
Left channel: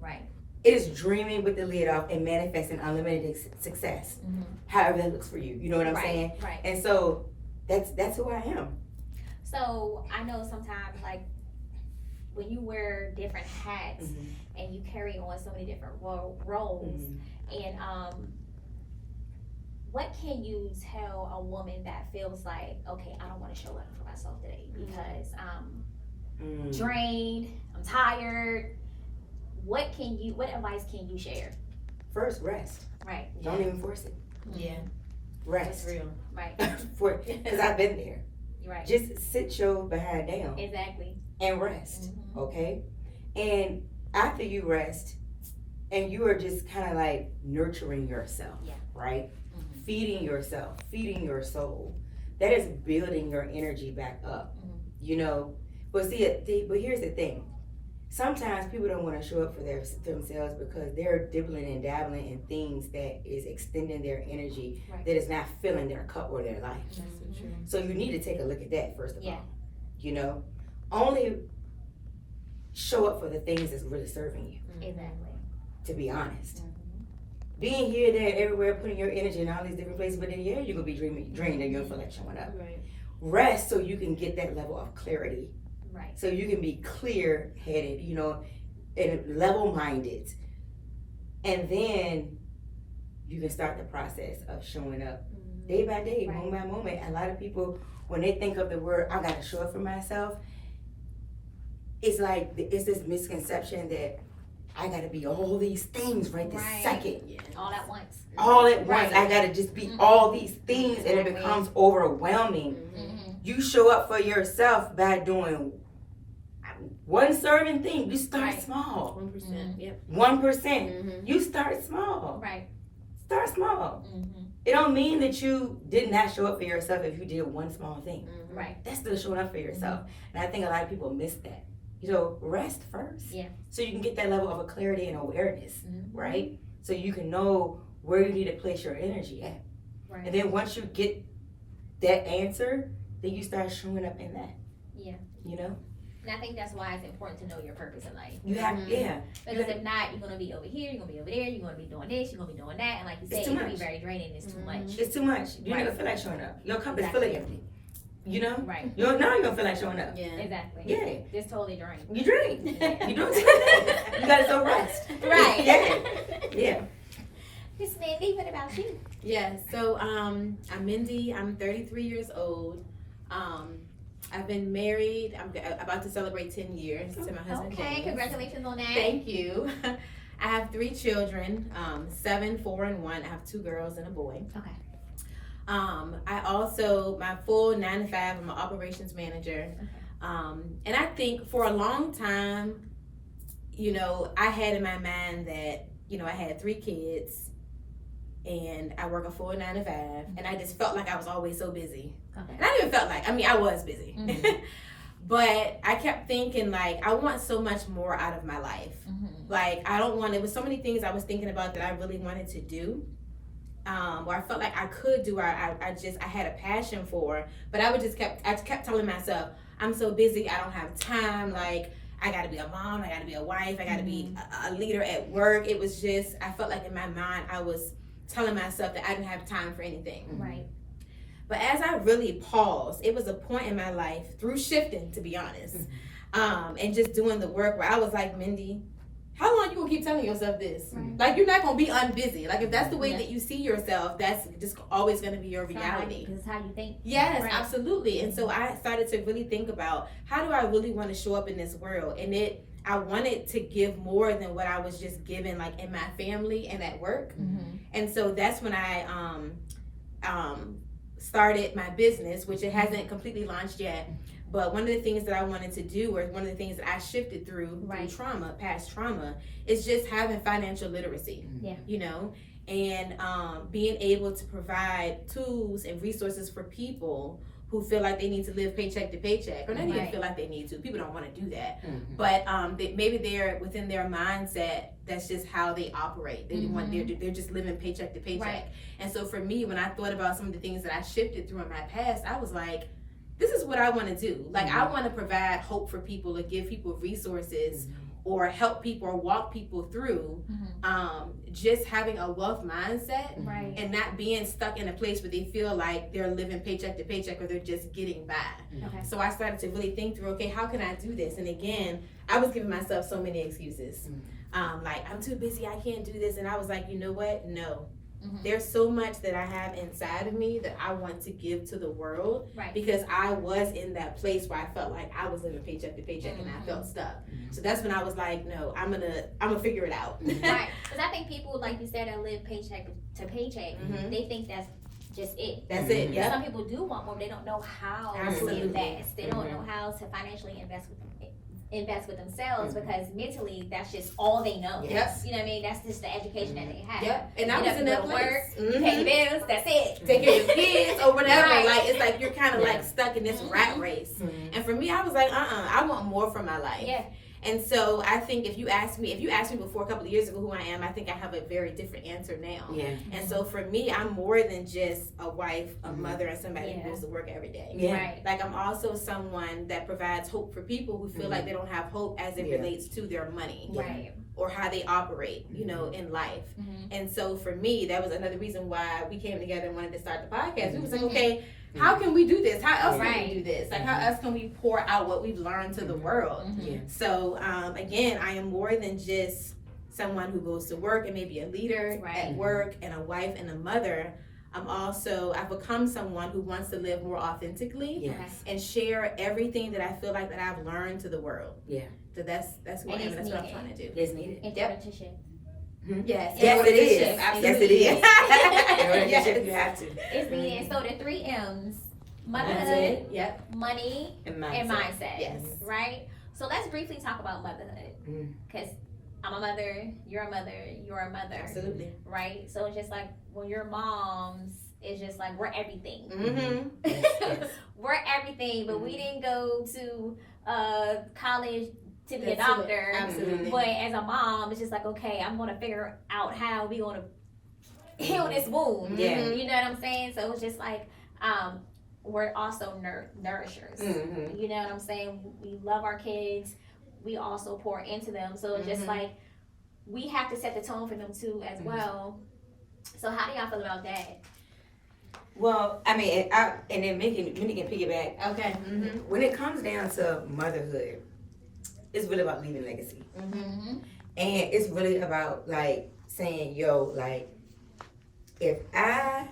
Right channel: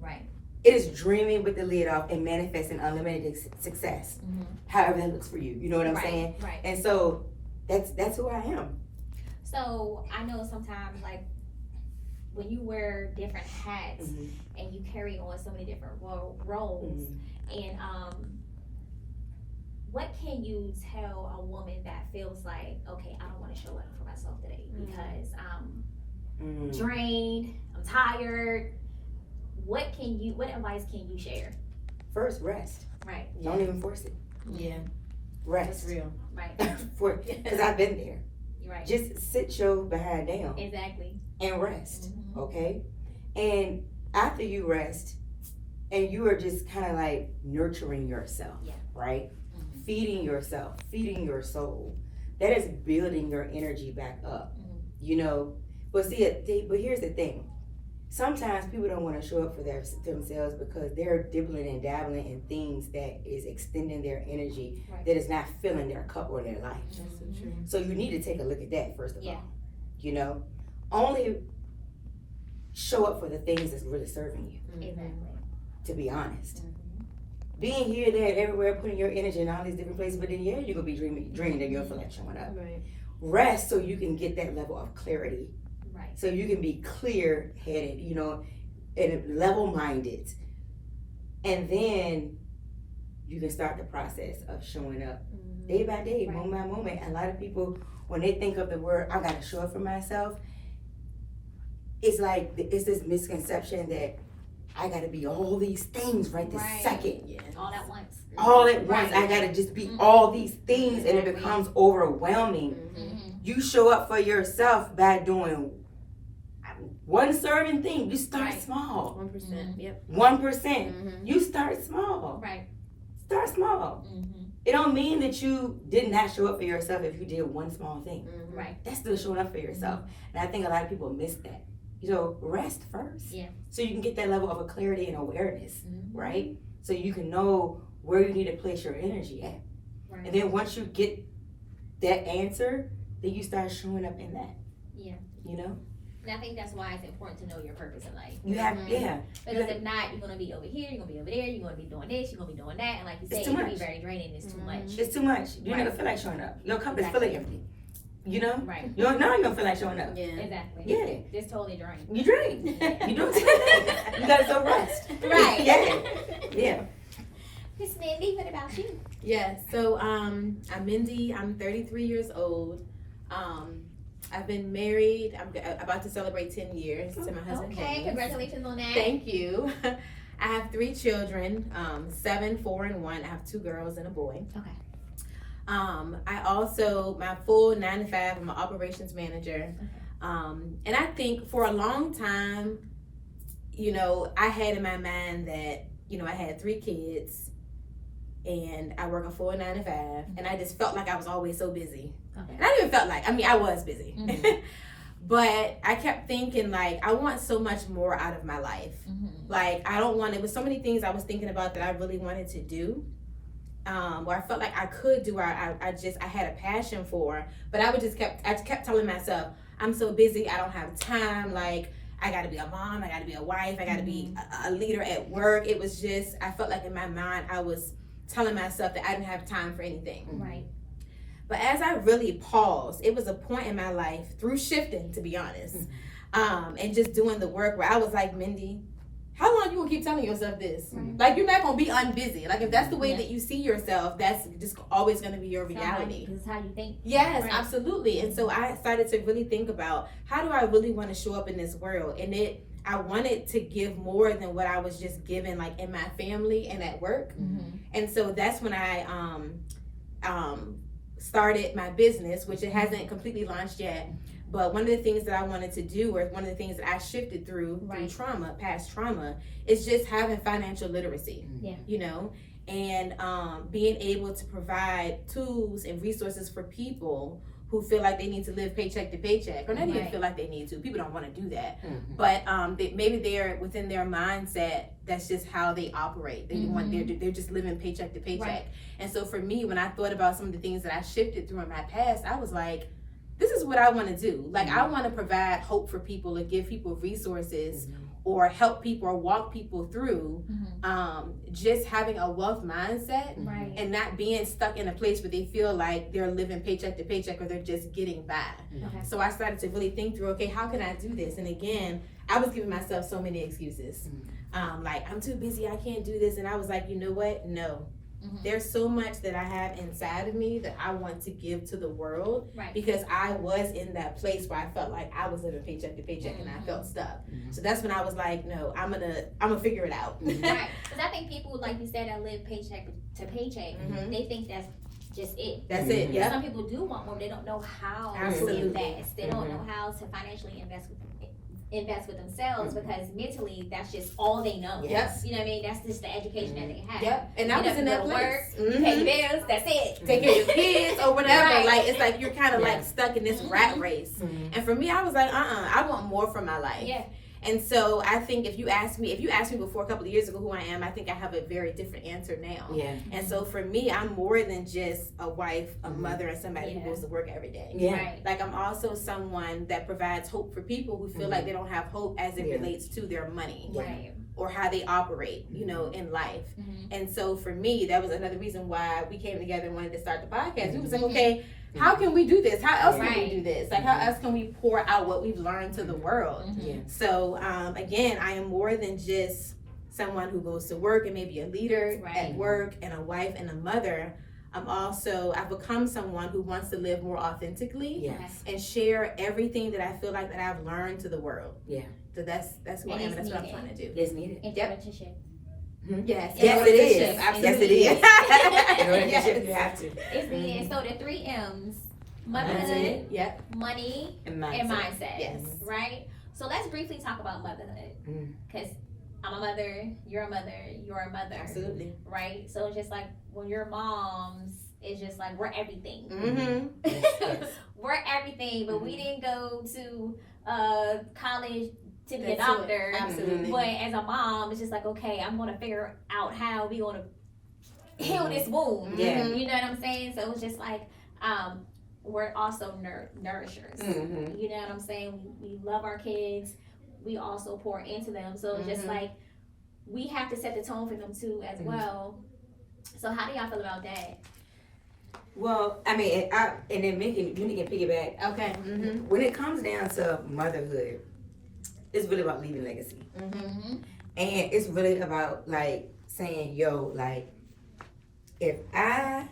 Right. It is dreaming with the lid off and manifesting unlimited success. However that looks for you. You know what I'm saying? Right. And so that's who I am. So I know sometimes, like, when you wear different hats and you carry on so many different roles, and what can you tell a woman that feels like, okay, I don't want to show up for myself today because I'm drained, I'm tired? What advice can you share? First, rest. Right. Don't even force it. Yeah, Rest. that's real. Right. Because I've been there. Right. Just sit your behind down Exactly. and rest. Okay? And after you rest, and you are just kind of like nurturing yourself, right? Feeding yourself, feeding your soul. That is building your energy back up, you know? But but here's the thing. Sometimes people don't want to show up for themselves because they're dibbling and dabbling in things that is extending their energy, that is not filling their cup or their life. That's so true. So you need to take a look at that first of Yeah. all. You know? Only show up for the things that's really serving you, Exactly. to be honest. Being here, there, everywhere, putting your energy in all these different places, but then you're gonna be drained and you'll feel like showing up. Right. Rest so you can get that level of clarity. Right. So you can be clear headed, you know, and level minded. And then you can start the process of showing up day by day, moment by moment. A lot of people, when they think of the word, I gotta show up for myself, it's like, it's this misconception that I gotta be all these things right this second. All at once. All at once. I gotta just be all these things, and it Exactly. becomes overwhelming. You show up for yourself by doing one certain thing. You start Right. small. 1%. Yep. 1%. You start small. Right. Start small. It don't mean that you did not show up for yourself if you did one small thing. Right. That's still showing up for yourself. And I think a lot of people miss that. You know, rest first. Yeah. So you can get that level of a clarity and awareness, right? So you can know where you need to place your energy at. Right. And then once you get that answer, then you start showing up in that. Yeah. You know? And I think that's why it's important to know your purpose in life. You have, yeah. Because if not, you're gonna be over here, you're gonna be over there, you're gonna be doing this, you're gonna be doing that, and like you said, It's it too can be much. very draining. It's too much. It's too much. You're Right. not gonna feel like showing up. Your cup Exactly. is feeling empty. You know? Right. Now you're gonna feel like showing up. Yeah. Exactly. Yeah. Just totally drained. You drink. You do it. You gotta go rest. Right. Yeah. Yeah. Miss Mindy, what about you? Yeah, so I'm Mindy. I'm 33 years old. I've been married. I'm about to celebrate 10 years to my husband. Okay, James. congratulations on that. Thank you. I have 3 children, 7, 4, and 1. I have 2 girls and a boy. Okay. I also, my full 9 to 5, I'm an operations manager. And I think for a long time, you know, I had in my mind that, you know, I had 3 kids and I work a full 9 to 5, and I just felt like I was always so busy. Okay. And I didn't even felt like, I mean, I was busy. But I kept thinking, like, I want so much more out of my life. Like, I don't want, it was so many things I was thinking about that I really wanted to do. Where I felt like I could do, I had a passion for, but I kept telling myself, I'm so busy, I don't have time, like, I gotta be a mom, I gotta be a wife, I gotta be a leader at work. It was just, I felt like in my mind, I was telling myself that I didn't have time for anything. Right. But as I really paused, it was a point in my life, through shifting, to be honest, and just doing the work, where I was like, Mindy, how long you gonna keep telling yourself this? Right. Like, you're not gonna be unbusy. Like, if that's the way Yeah. that you see yourself, that's just always gonna be your reality. Because it's how you think. Yes, Right. absolutely. And so I started to really think about, how do I really want to show up in this world? And I wanted to give more than what I was just given, like, in my family and at work. And so that's when I started my business, which it hasn't completely launched yet. But one of the things that I wanted to do, or one of the things that I shifted through trauma, past trauma, is just having financial literacy. Yeah. You know, and being able to provide tools and resources for people who feel like they need to live paycheck to paycheck, or not even feel like they need to. People don't want to do that, but maybe they're within their mindset. That's just how they operate. They want they're just living paycheck to paycheck. Right. And so for me, when I thought about some of the things that I shifted through in my past, I was like, this is what I want to do. Like, I want to provide hope for people, or give people resources or help people or walk people through just having a wealth mindset Right. and not being stuck in a place where they feel like they're living paycheck to paycheck or they're just getting by. Okay. So I started to really think through, okay, how can I do this? And again, I was giving myself so many excuses. Like, I'm too busy, I can't do this. And I was like, you know what? No. There's so much that I have inside of me that I want to give to the world, Right. because I was in that place where I felt like I was living paycheck to paycheck and I felt stuck. So that's when I was like, no, I'm gonna figure it out. Right. Because I think people, like you said, that live paycheck to paycheck, they think that's just it. That's it. Yeah. Yeah. Some people do want more, but they don't know how Absolutely. to invest. They don't know how to financially invest with themselves, because mentally that's just all they know. Yep. You know what I mean? That's just the education that they have. Yep. And I You was know, in you that go to place. work, you pay your bills, that's it. Take care of your kids or whatever. Right. Like, it's like you're kind of Yeah. like stuck in this rat race. And for me, I was like, I want more from my life. Yeah. And so I think if you asked me before a couple of years ago who I am, I think I have a very different answer now. Yeah. And so for me, I'm more than just a wife, a mother, and somebody who Yeah. goes to work every day. Yeah. Right. Like, I'm also someone that provides hope for people who feel like they don't have hope as it Yeah. relates to their money Right. or how they operate, you know, in life. And so for me, that was another reason why we came together and wanted to start the podcast. We was like, okay, how can we do this? How else can Right. we do this? Like, how else can we pour out what we've learned to the world? Yeah. So, again, I am more than just someone who goes to work and maybe a leader Right. at work and a wife and a mother. I've become someone who wants to live more authentically Yes. and share everything that I feel like that I've learned to the world. Yeah. So that's who I And am, it's and that's what I'm needed. trying to do. It's needed. Entrepreneurship. Yes, Yes, it is. Absolutely. Yes, it is. Yes. You have to. It's needed. So the 3 M's: That's motherhood, it. Yep. money, And and mindset. Yes. Right? So let's briefly talk about motherhood. Because I'm a mother, you're a mother, Absolutely. right? So it's just like when you're moms, it's just like we're everything. Mm-hmm. We're everything, but we didn't go to college to be a That's it. doctor. Absolutely. But as a mom, it's just like, okay, I'm gonna figure out how we gonna heal this wound. Yeah. You know what I'm saying? So it's just like we're also nourishers. Mm-hmm. You know what I'm saying? We love our kids. We also pour into them. So it's just like we have to set the tone for them too as well. So how do y'all feel about that? Well, I mean, and then Minnie can piggyback. Okay. Mm-hmm. When it comes down to motherhood, it's really about leaving legacy. Mm-hmm. And it's really about like saying, yo, like, if I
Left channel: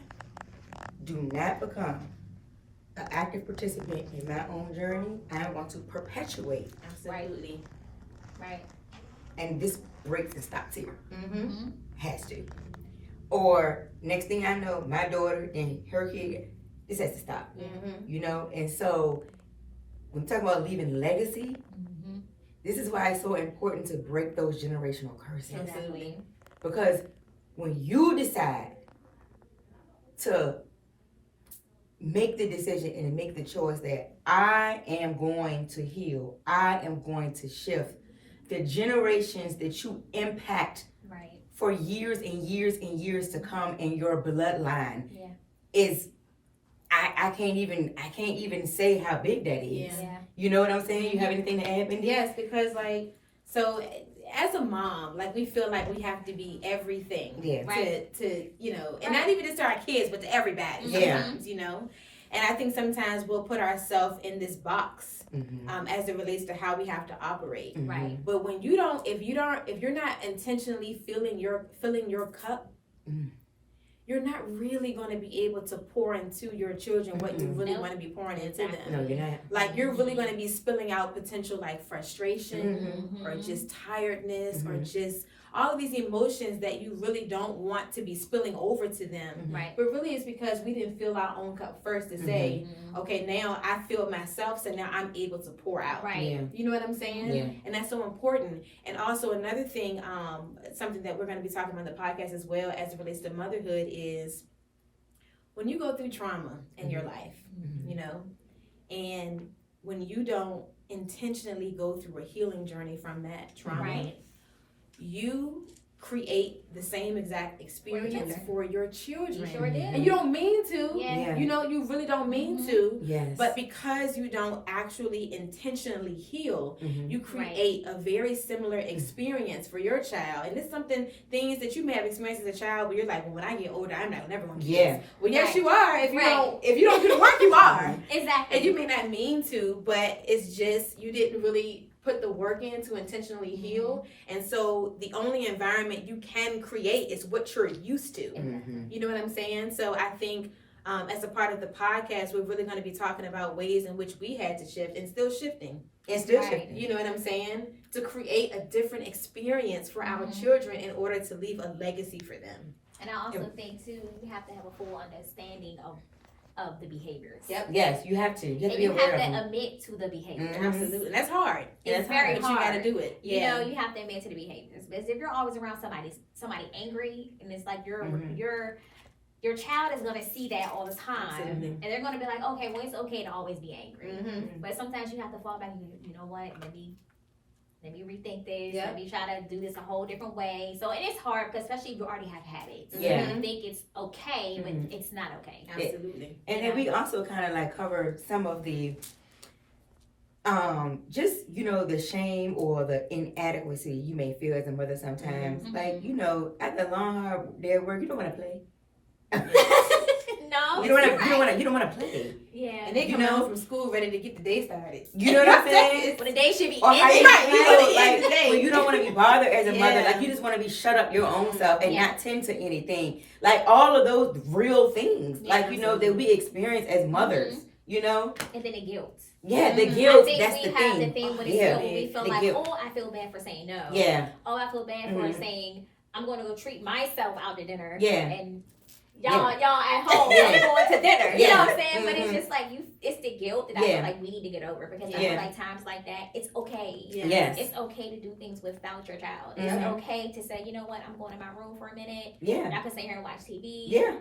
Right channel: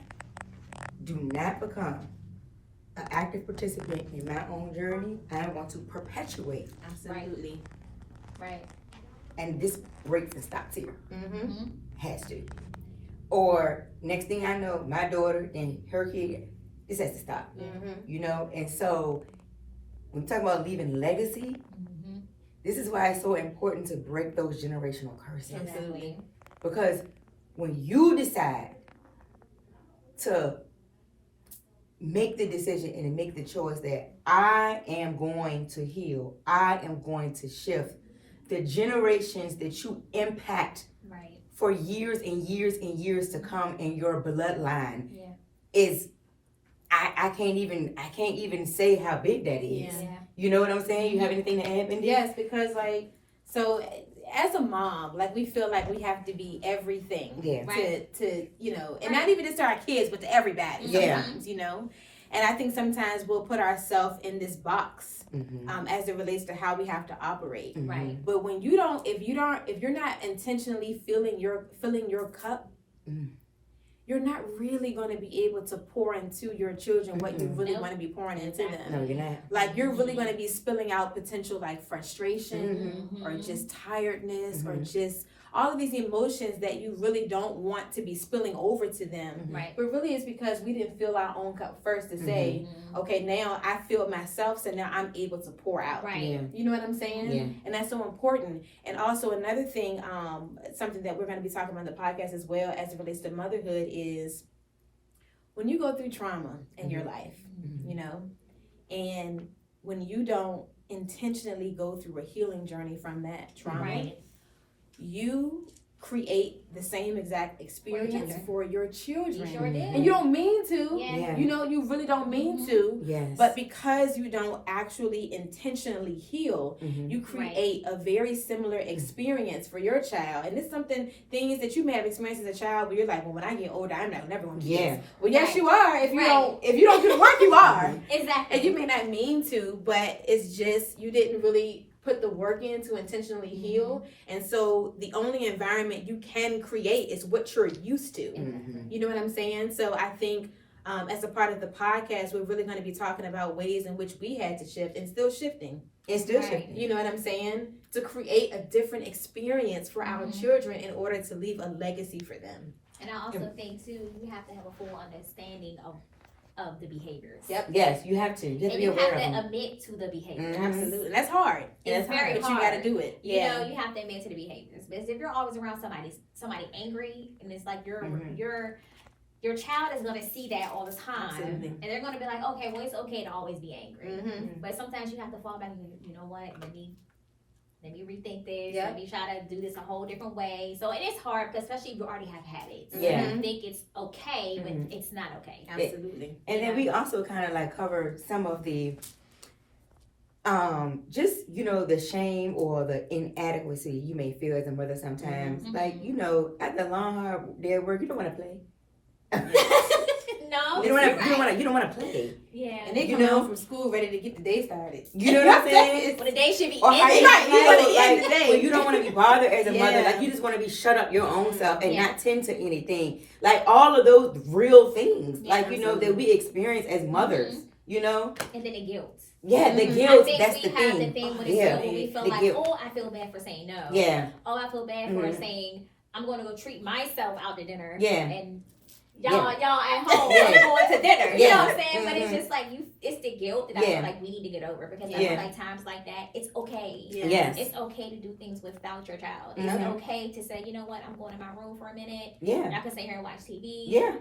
do not become an active participant in my own journey, I want to perpetuate. Absolutely. Right. And this breaks and stops here. Mm-hmm. Has to. Or next thing I know, my daughter and her kid, this has to stop. Mm-hmm. You know? And so when we talk about leaving legacy, this is why it's so important to break those generational curses. Exactly. Because when you decide to make the decision and make the choice that I am going to heal, I am going to shift, the generations that you impact Right. for years and years and years to come in your bloodline Yeah. is I can't even say how big that is. Yeah. You know what I'm saying? You have anything to add, Mindy? Yes, because like, so as a mom, like we feel like we have to be everything. Yeah. To you know, and not even just to our kids, but to everybody. Yeah. Sometimes, you know. And I think sometimes we'll put ourselves in this box Mm-hmm. as it relates to how we have to operate. Right. But when you don't, if you're not intentionally filling your cup, you're not really going to be able to pour into your children what you really Nope. want to be pouring into them. No, you're not. Like you're really going to be spilling out potential like frustration Mm-hmm. or just tiredness or Mhm. just all of these emotions that you really don't want to be spilling over to them. Right. But really it's because we didn't fill our own cup first to say, okay, now I filled myself, so now I'm able to pour out. Right. Yeah. You know what I'm saying? Yeah. And that's so important. And also another thing, something that we're going to be talking about on the podcast as well as it relates to motherhood is when you go through trauma in your life, you know, and when you don't intentionally go through a healing journey from that trauma, Right. you create the same exact experience for your children. You sure did. And you don't mean to. Yeah. You know, you really don't mean to. Yes. But because you don't actually intentionally heal, Mhm. you create a very similar experience for your child. And it's things that you may have experienced as a child, but you're like, well, when I get older, I'm never going to do Yeah. this. Well, yes, Right. you are. If you don't do the work, you are. Exactly. And you may not mean to, but it's just you didn't really put the work in to intentionally heal. And so the only environment you can create is what you're used to. Mhm. You know what I'm saying? So I think as a part of the podcast, we're really going to be talking about ways in which we had to shift and still shifting. It's still Right. shifting. You know what I'm saying? To create a different experience for our children in order to leave a legacy for them. And I also think too, you have to have a full understanding of the behaviors. Yep. Yes, you have to. You have to And be you aware have of to them. admit to the behaviors. Mhm. Absolutely. And that's hard. It's That's very But hard. you got to do it. You know, you have to admit to the behaviors. Because if you're always around somebody angry, and it's like Mhm. your child is gonna see that all the time, Absolutely. and they're gonna be like, okay, well, it's okay to always be angry. Mhm. But sometimes you have to fall back and you know what? Let me rethink this. Yeah. Let me try to do this a whole different way. So it is hard, because especially if you already have habits. Yeah. You think it's okay, but Mhm. it's not okay. Absolutely. And then we also kind of like cover some of the just the shame or the inadequacy you may feel as a mother sometimes. Mhm. Like, at the long hard day of work, you don't want to play. No, You don't want you're right. you don't want to play. Yeah. And they come home from school ready to get the day started. You know what I'm saying? But the day should be Or how ended. you, Right, you know, at the end like, of the day. when you don't want to be bothered as a mother, Yeah. like you just want to be shut up your own self and Yeah. not tend to anything. Like all of those real things, Yeah, like that we experience as mothers. And then the guilt. Yeah, the Mhm. guilt. I think That's we the have thing. the thing with the Yeah. guilt when we feel The like, guilt. oh, I feel bad for saying no. Yeah, Oh, I feel bad for Mhm. saying I'm going to go treat myself out to dinner. Yeah. And y'all at home, Yeah. I'm going to dinner. You know Yeah. what I'm saying? But it's Mhm. just like it's the guilt that I Yeah. feel like we need to get over, because I Yeah. feel like times like that, it's okay. Yeah. yes, It's okay to do things without your child. It's Mhm. okay to say, you know what, I'm going in my room for a minute. yeah, I can sit here and watch TV. yeah,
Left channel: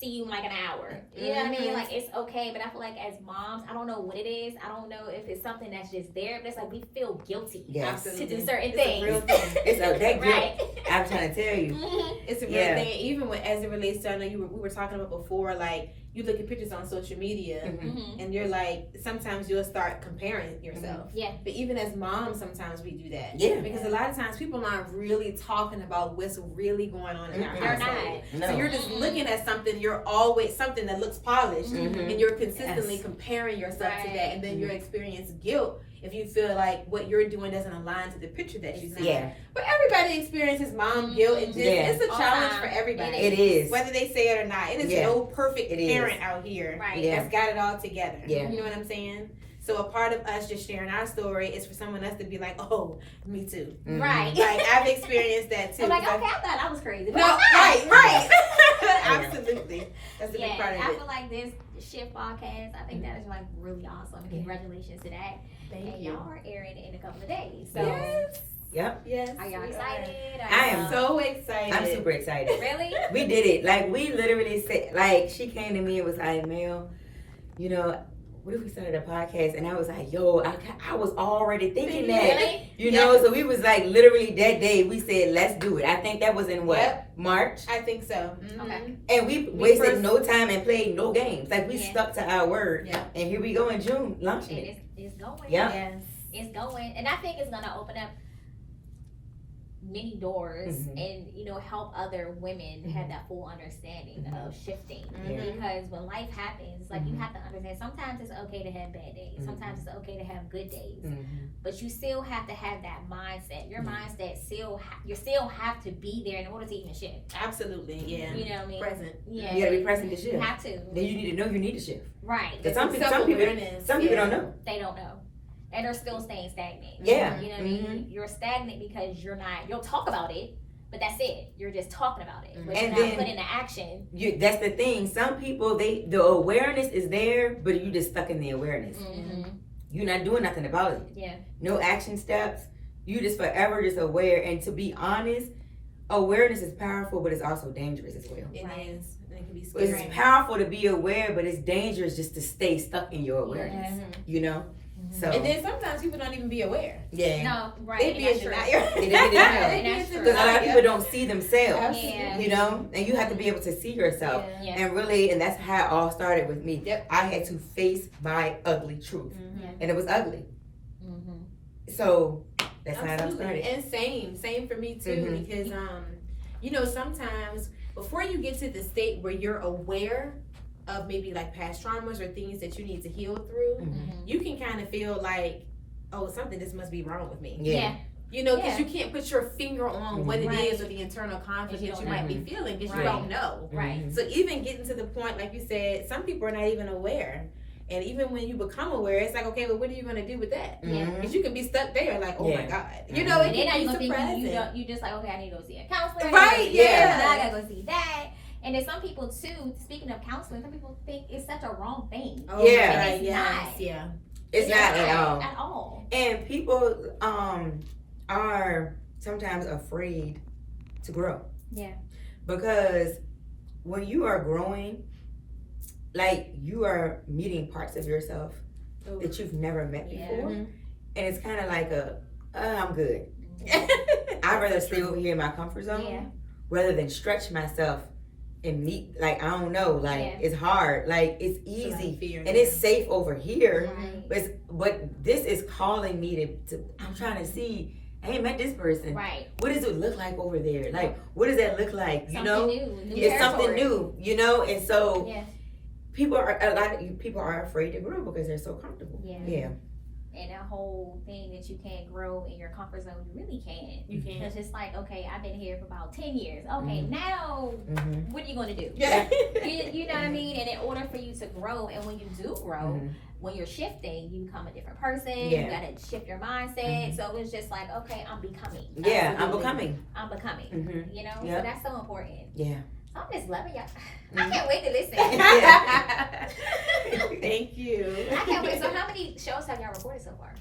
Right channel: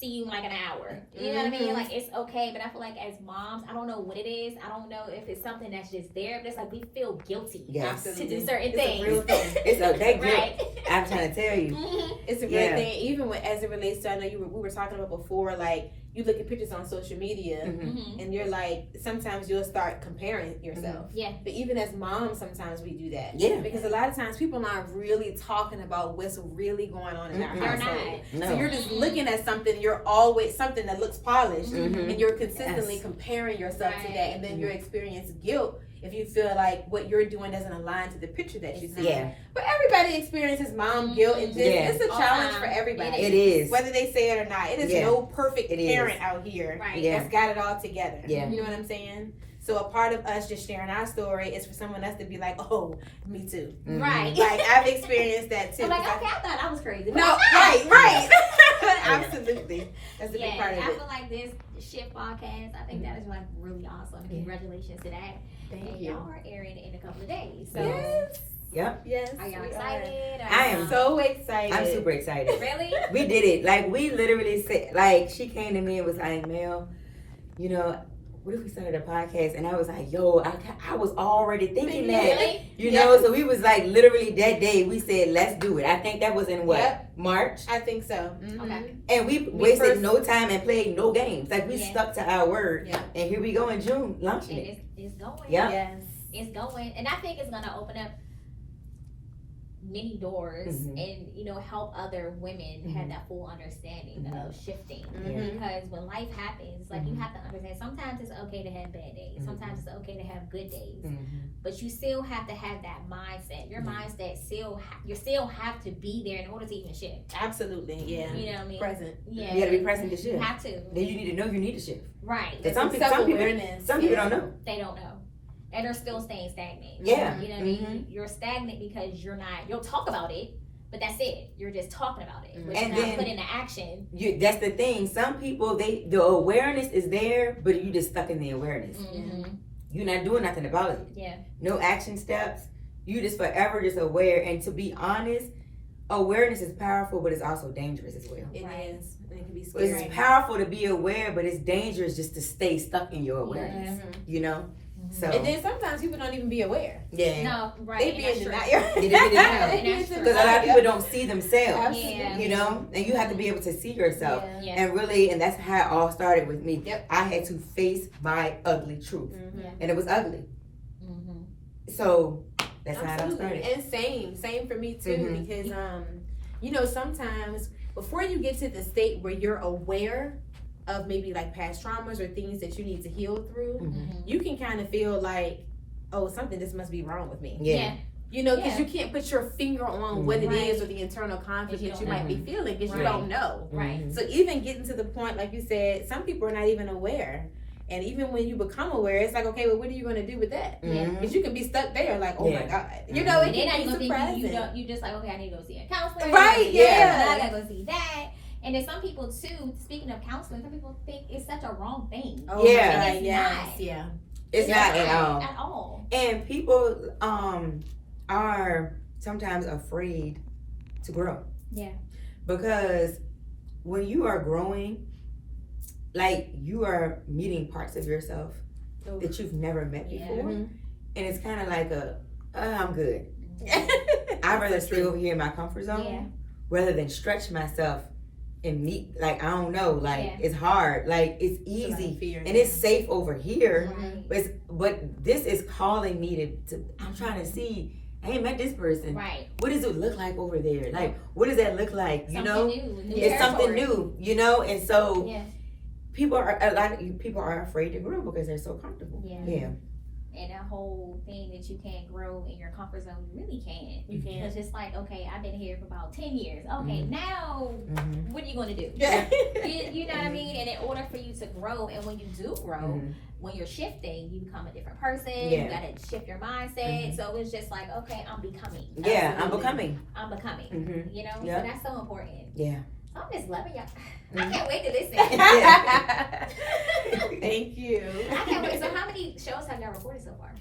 See you in like an hour. You know what I mean? Mhm. Like, it's okay, but I feel like as moms, I don't know what it is. I don't know if it's something that's just there, but it's like we feel guilty yes. to do certain It's a real things. thing. It's that guilt. Right. I'm trying to tell you. Mhm. It's a real Yeah. thing, even as it relates to, I know we were talking about before, like you look at pictures on social media Mhm. Mhm. and you're like, sometimes you'll start comparing yourself. Yeah. But even as moms, sometimes we do that. Yeah. Because a lot of times people aren't really talking about what's really going on in our Mhm. They're household. not. No. So you're just looking at something, you're always something that looks polished, Mhm. and you're consistently Yes. comparing yourself to Right. that, and then you experience guilt if you feel like what you're doing doesn't align to the picture that you see. Yeah, But everybody experiences mom guilt, and just, Yeah. it's a All challenge time. for everybody. it is. Whether they say it or not, it is Yeah. no perfect It is. parent out here Right. Yeah. that's got it all together. Yeah. You know what I'm saying? So a part of us just sharing our story is for someone else to be like, oh, me too. Mhm. Right. Like I've experienced that too. I'm like, Because okay, I thought I was crazy. But no, I'm not. right. Absolutely. That's a big Yeah, part of I it. feel like this Shift podcast, I think that is like really awesome. And congratulations to that. Thank And you. y'all are airing it in a couple of days. So Yes. Yep. Yes. are y'all we excited? I am y'all- So excited. I'm super excited. Really? We did it. Like we literally said, like she came to me and was like, Mel, what if we started a podcast? And I was like, yo, I was already thinking that. Really? You know, so we was like literally that day we said, let's do it. I think that was in what? Yep. March? I think so. Mhm. Okay. And we wasted first- no time and played no games. Like we Yeah. stuck to our word. Yeah. And here we go in June, launching And it. it's going. Yeah. Yes. It's going. And I think it's gonna open up many doors Mhm. and help other women have that full understanding Mhm. of shifting. Mhm. Because when life happens, like you Mhm. have to understand, sometimes it's okay to have bad days, sometimes it's okay to have good days, Mhm. but you still have to have that mindset. Your Mhm. mindset you still have to be there in order to even shift. Absolutely. Yeah. You know what I mean? Present. Yeah. You gotta be present to You shift. have to. Then you need to know you need to shift. Right. Because some people Self-awareness. don't know. They don't know. And they're still staying stagnant. Yeah. You know what I mean? You're stagnant because you'll talk about it, but that's it. You're just talking about it. But And you're then- not putting into action. That's the thing. Some people, the awareness is there, but you just stuck in the awareness. Mm-hmm. You're not doing nothing about it. Yeah. No action steps. You just forever just aware. And to be honest, awareness is powerful, but it's also dangerous as well. It Right. is. And it can be It's scary. powerful to be aware, but it's dangerous just to stay stuck in your awareness. Mhm. You know, So And then sometimes people don't even be aware. yeah, No, They right. be And that's in true. denial. They just be denial. They be in That's true. because a lot of denial. people don't see themselves. Yeah. You know, and you have to be able to see yourself. Yeah. And really, and that's how it all started with me. Yep. I had to face my ugly truth, Yeah. and it was ugly. Mhm. So that's how it all Absolutely. started. And same for me too, Mhm. because you know, sometimes before you get to the state where you're aware of maybe like past traumas or things that you need to heal through, Mhm. you can kind of feel like, oh, something just must be wrong with me. Yeah. You know, because Yeah. you can't put your finger on what it Right. is or the internal conflict If you that you don't might be know. feeling because Right. you don't know. Right. Mhm. So even getting to the point, like you said, some people are not even aware. And even when you become aware, it's like, okay, well, what are you going to do with that? Yeah. Mhm. Because you can be stuck there, like, oh Yeah. my God. You know, Mhm. it And then now can you're be gonna think you surprising. don't. You just like, okay, I need to go see a counselor. Right, yeah. I gotta go see that. And then some people too. Speaking of counseling, some people think it's such a wrong thing. Oh, Yeah. my God, It's yes, not. yeah. It's not at all. At all. And people are sometimes afraid to grow. Yeah. Because when you are growing, like you are meeting parts of yourself Ooh. that you've never met Yeah. before. Mhm. And it's kind of like I'm good. I'd rather stay over here in my comfort zone Yeah. rather than stretch myself and meet, like, I don't know, like, Yeah. it's hard. Like, it's It's a lot of easy. fear, And yeah. it's safe over here. Right. But this is calling me to I'm trying to see, I ain't met this person. Right. What does it look like over there? Like, what does that look like? You Something know? new. It's something territory. new, you know? And so Yeah. a lot of people are afraid to grow because they're so comfortable. Yeah. Yeah. And that whole thing that you can't grow in your comfort zone, you really can't. You can't. Because it's like, okay, I've been here for about 10 years. Okay, Mhm. now Mm-hmm. what are you going to do? Yeah. You know what I mean? And in order for you to grow, and when you do grow, Mhm. when you're shifting, you become a different person. Yeah. You got to shift your mindset. So it's just like, okay, I'm becoming. Yeah, I'm Absolutely. becoming. I'm becoming. Mm-hmm. You know? Yep. So that's so important. Yeah. So I'm just loving y'all. I Mhm. can't wait to listen. Thank you. I can't wait. So how many shows have y'all recorded so far?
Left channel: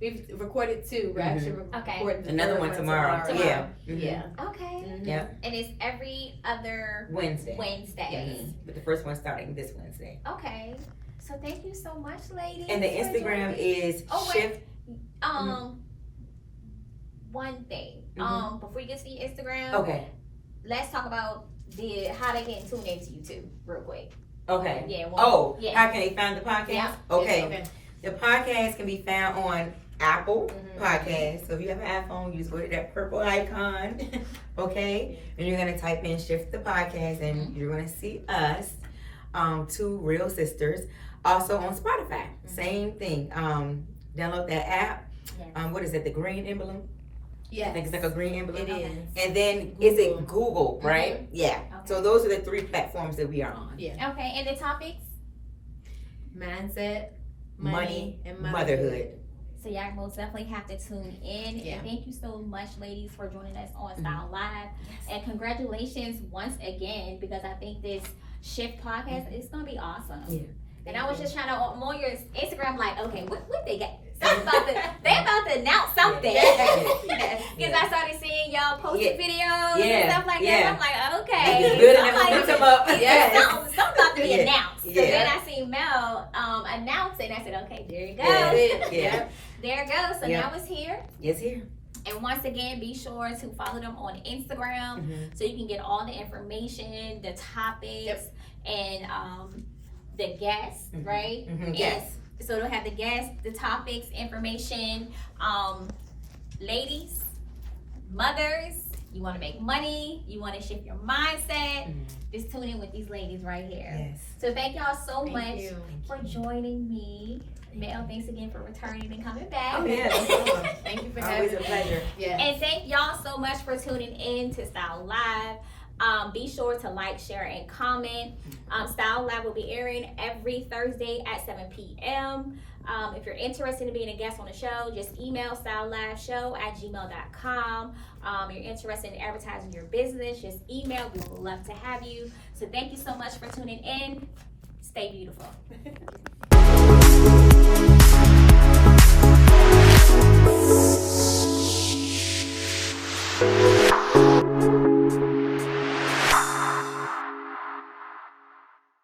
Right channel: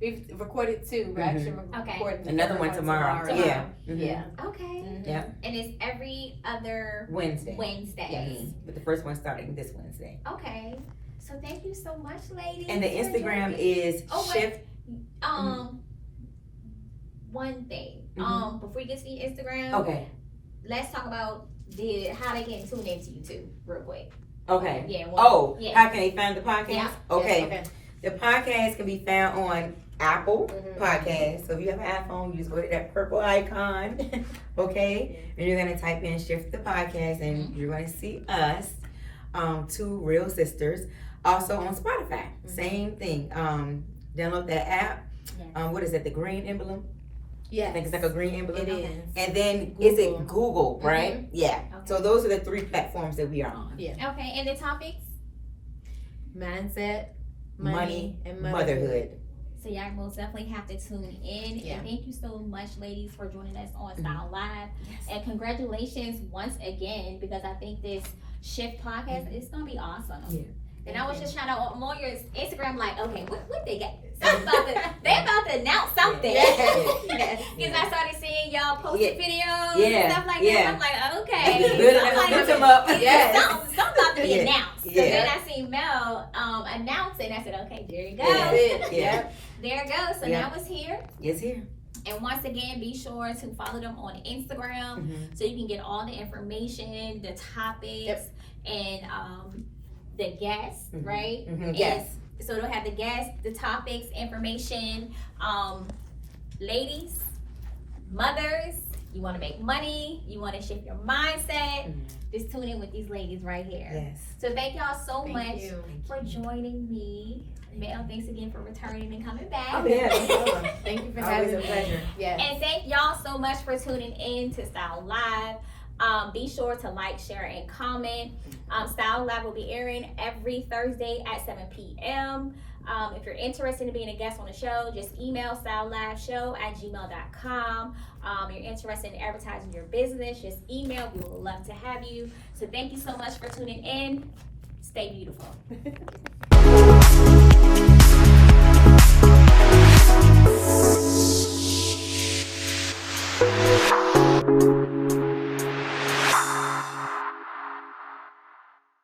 We've recorded 2. We're actually Okay. recording the Another third one tomorrow. Tomorrow. Yeah. Mhm. Yeah. Okay. Mhm. Yeah. And it's every other Wednesday. Wednesday. Mhm. But the first one's starting this Wednesday. Okay. So thank you so much, ladies. And the for Instagram joining. is Oh, wait. Shift. One thing. Mhm. Before you get to the Instagram, Okay. let's talk about how they can tune into you too, real quick. Okay. Yeah. One, Oh, yeah. how can they find the podcast? Yeah. Okay. Okay. The podcast can be found on Apple Mhm. Podcast. So if you have an iPhone, you just go to that purple icon. Okay. And you're gonna type in Shift the Podcast and Mm-hmm. you're gonna see us. Two real sisters. Also on Spotify. Same thing. Download that app. Yeah. What is it? The green emblem? Yeah. I think it's like a green emblem. It is. And then is it Google, right? Yeah. Okay. So those are the 3 platforms that we are on. Yeah. Okay. And the topics. Mindset, Money, and motherhood. So y'all most definitely have to tune in. Yeah. And thank you so much, ladies, for joining us on Style Live. And congratulations once again, because I think this Shift podcast is gonna be awesome. Yeah. And I was just trying to I'm on your Instagram, like, okay, what they got? Something about they about to announce something. Because I started seeing y'all posted videos and Yeah. stuff like Yeah. that. I'm like, okay. It's good I'm enough like, to put them up. something about to be Yeah. announced. So Yeah. then I seen Mel announce it, and I said, okay, there you go. Yeah. Yeah. There it goes. So Yeah. now it's here. Yes, here. And once again, be sure to follow them on Instagram Mhm. so you can get all the information, the topics, and the guests, Mhm. right? Mhm. And Yes. So they'll have the guests, the topics, information. Ladies, mothers, you want to make money, you want to shift your mindset, Mhm. just tune in with these ladies right here. Yes. So thank y'all so Thank much you. for joining me. Mel, thanks again for returning and coming back. Oh, yeah. no problem. Thank you for Always having a me. pleasure. Yeah. And thank y'all so much for tuning in to Style Live. Be sure to like, share, and comment. Style Live will be airing every Thursday at 7 p.m. If you're interested in being a guest on the show, just email styleliveshow@gmail.com. You're interested in advertising your business, just email. We would love to have you. So thank you so much for tuning in. Stay beautiful.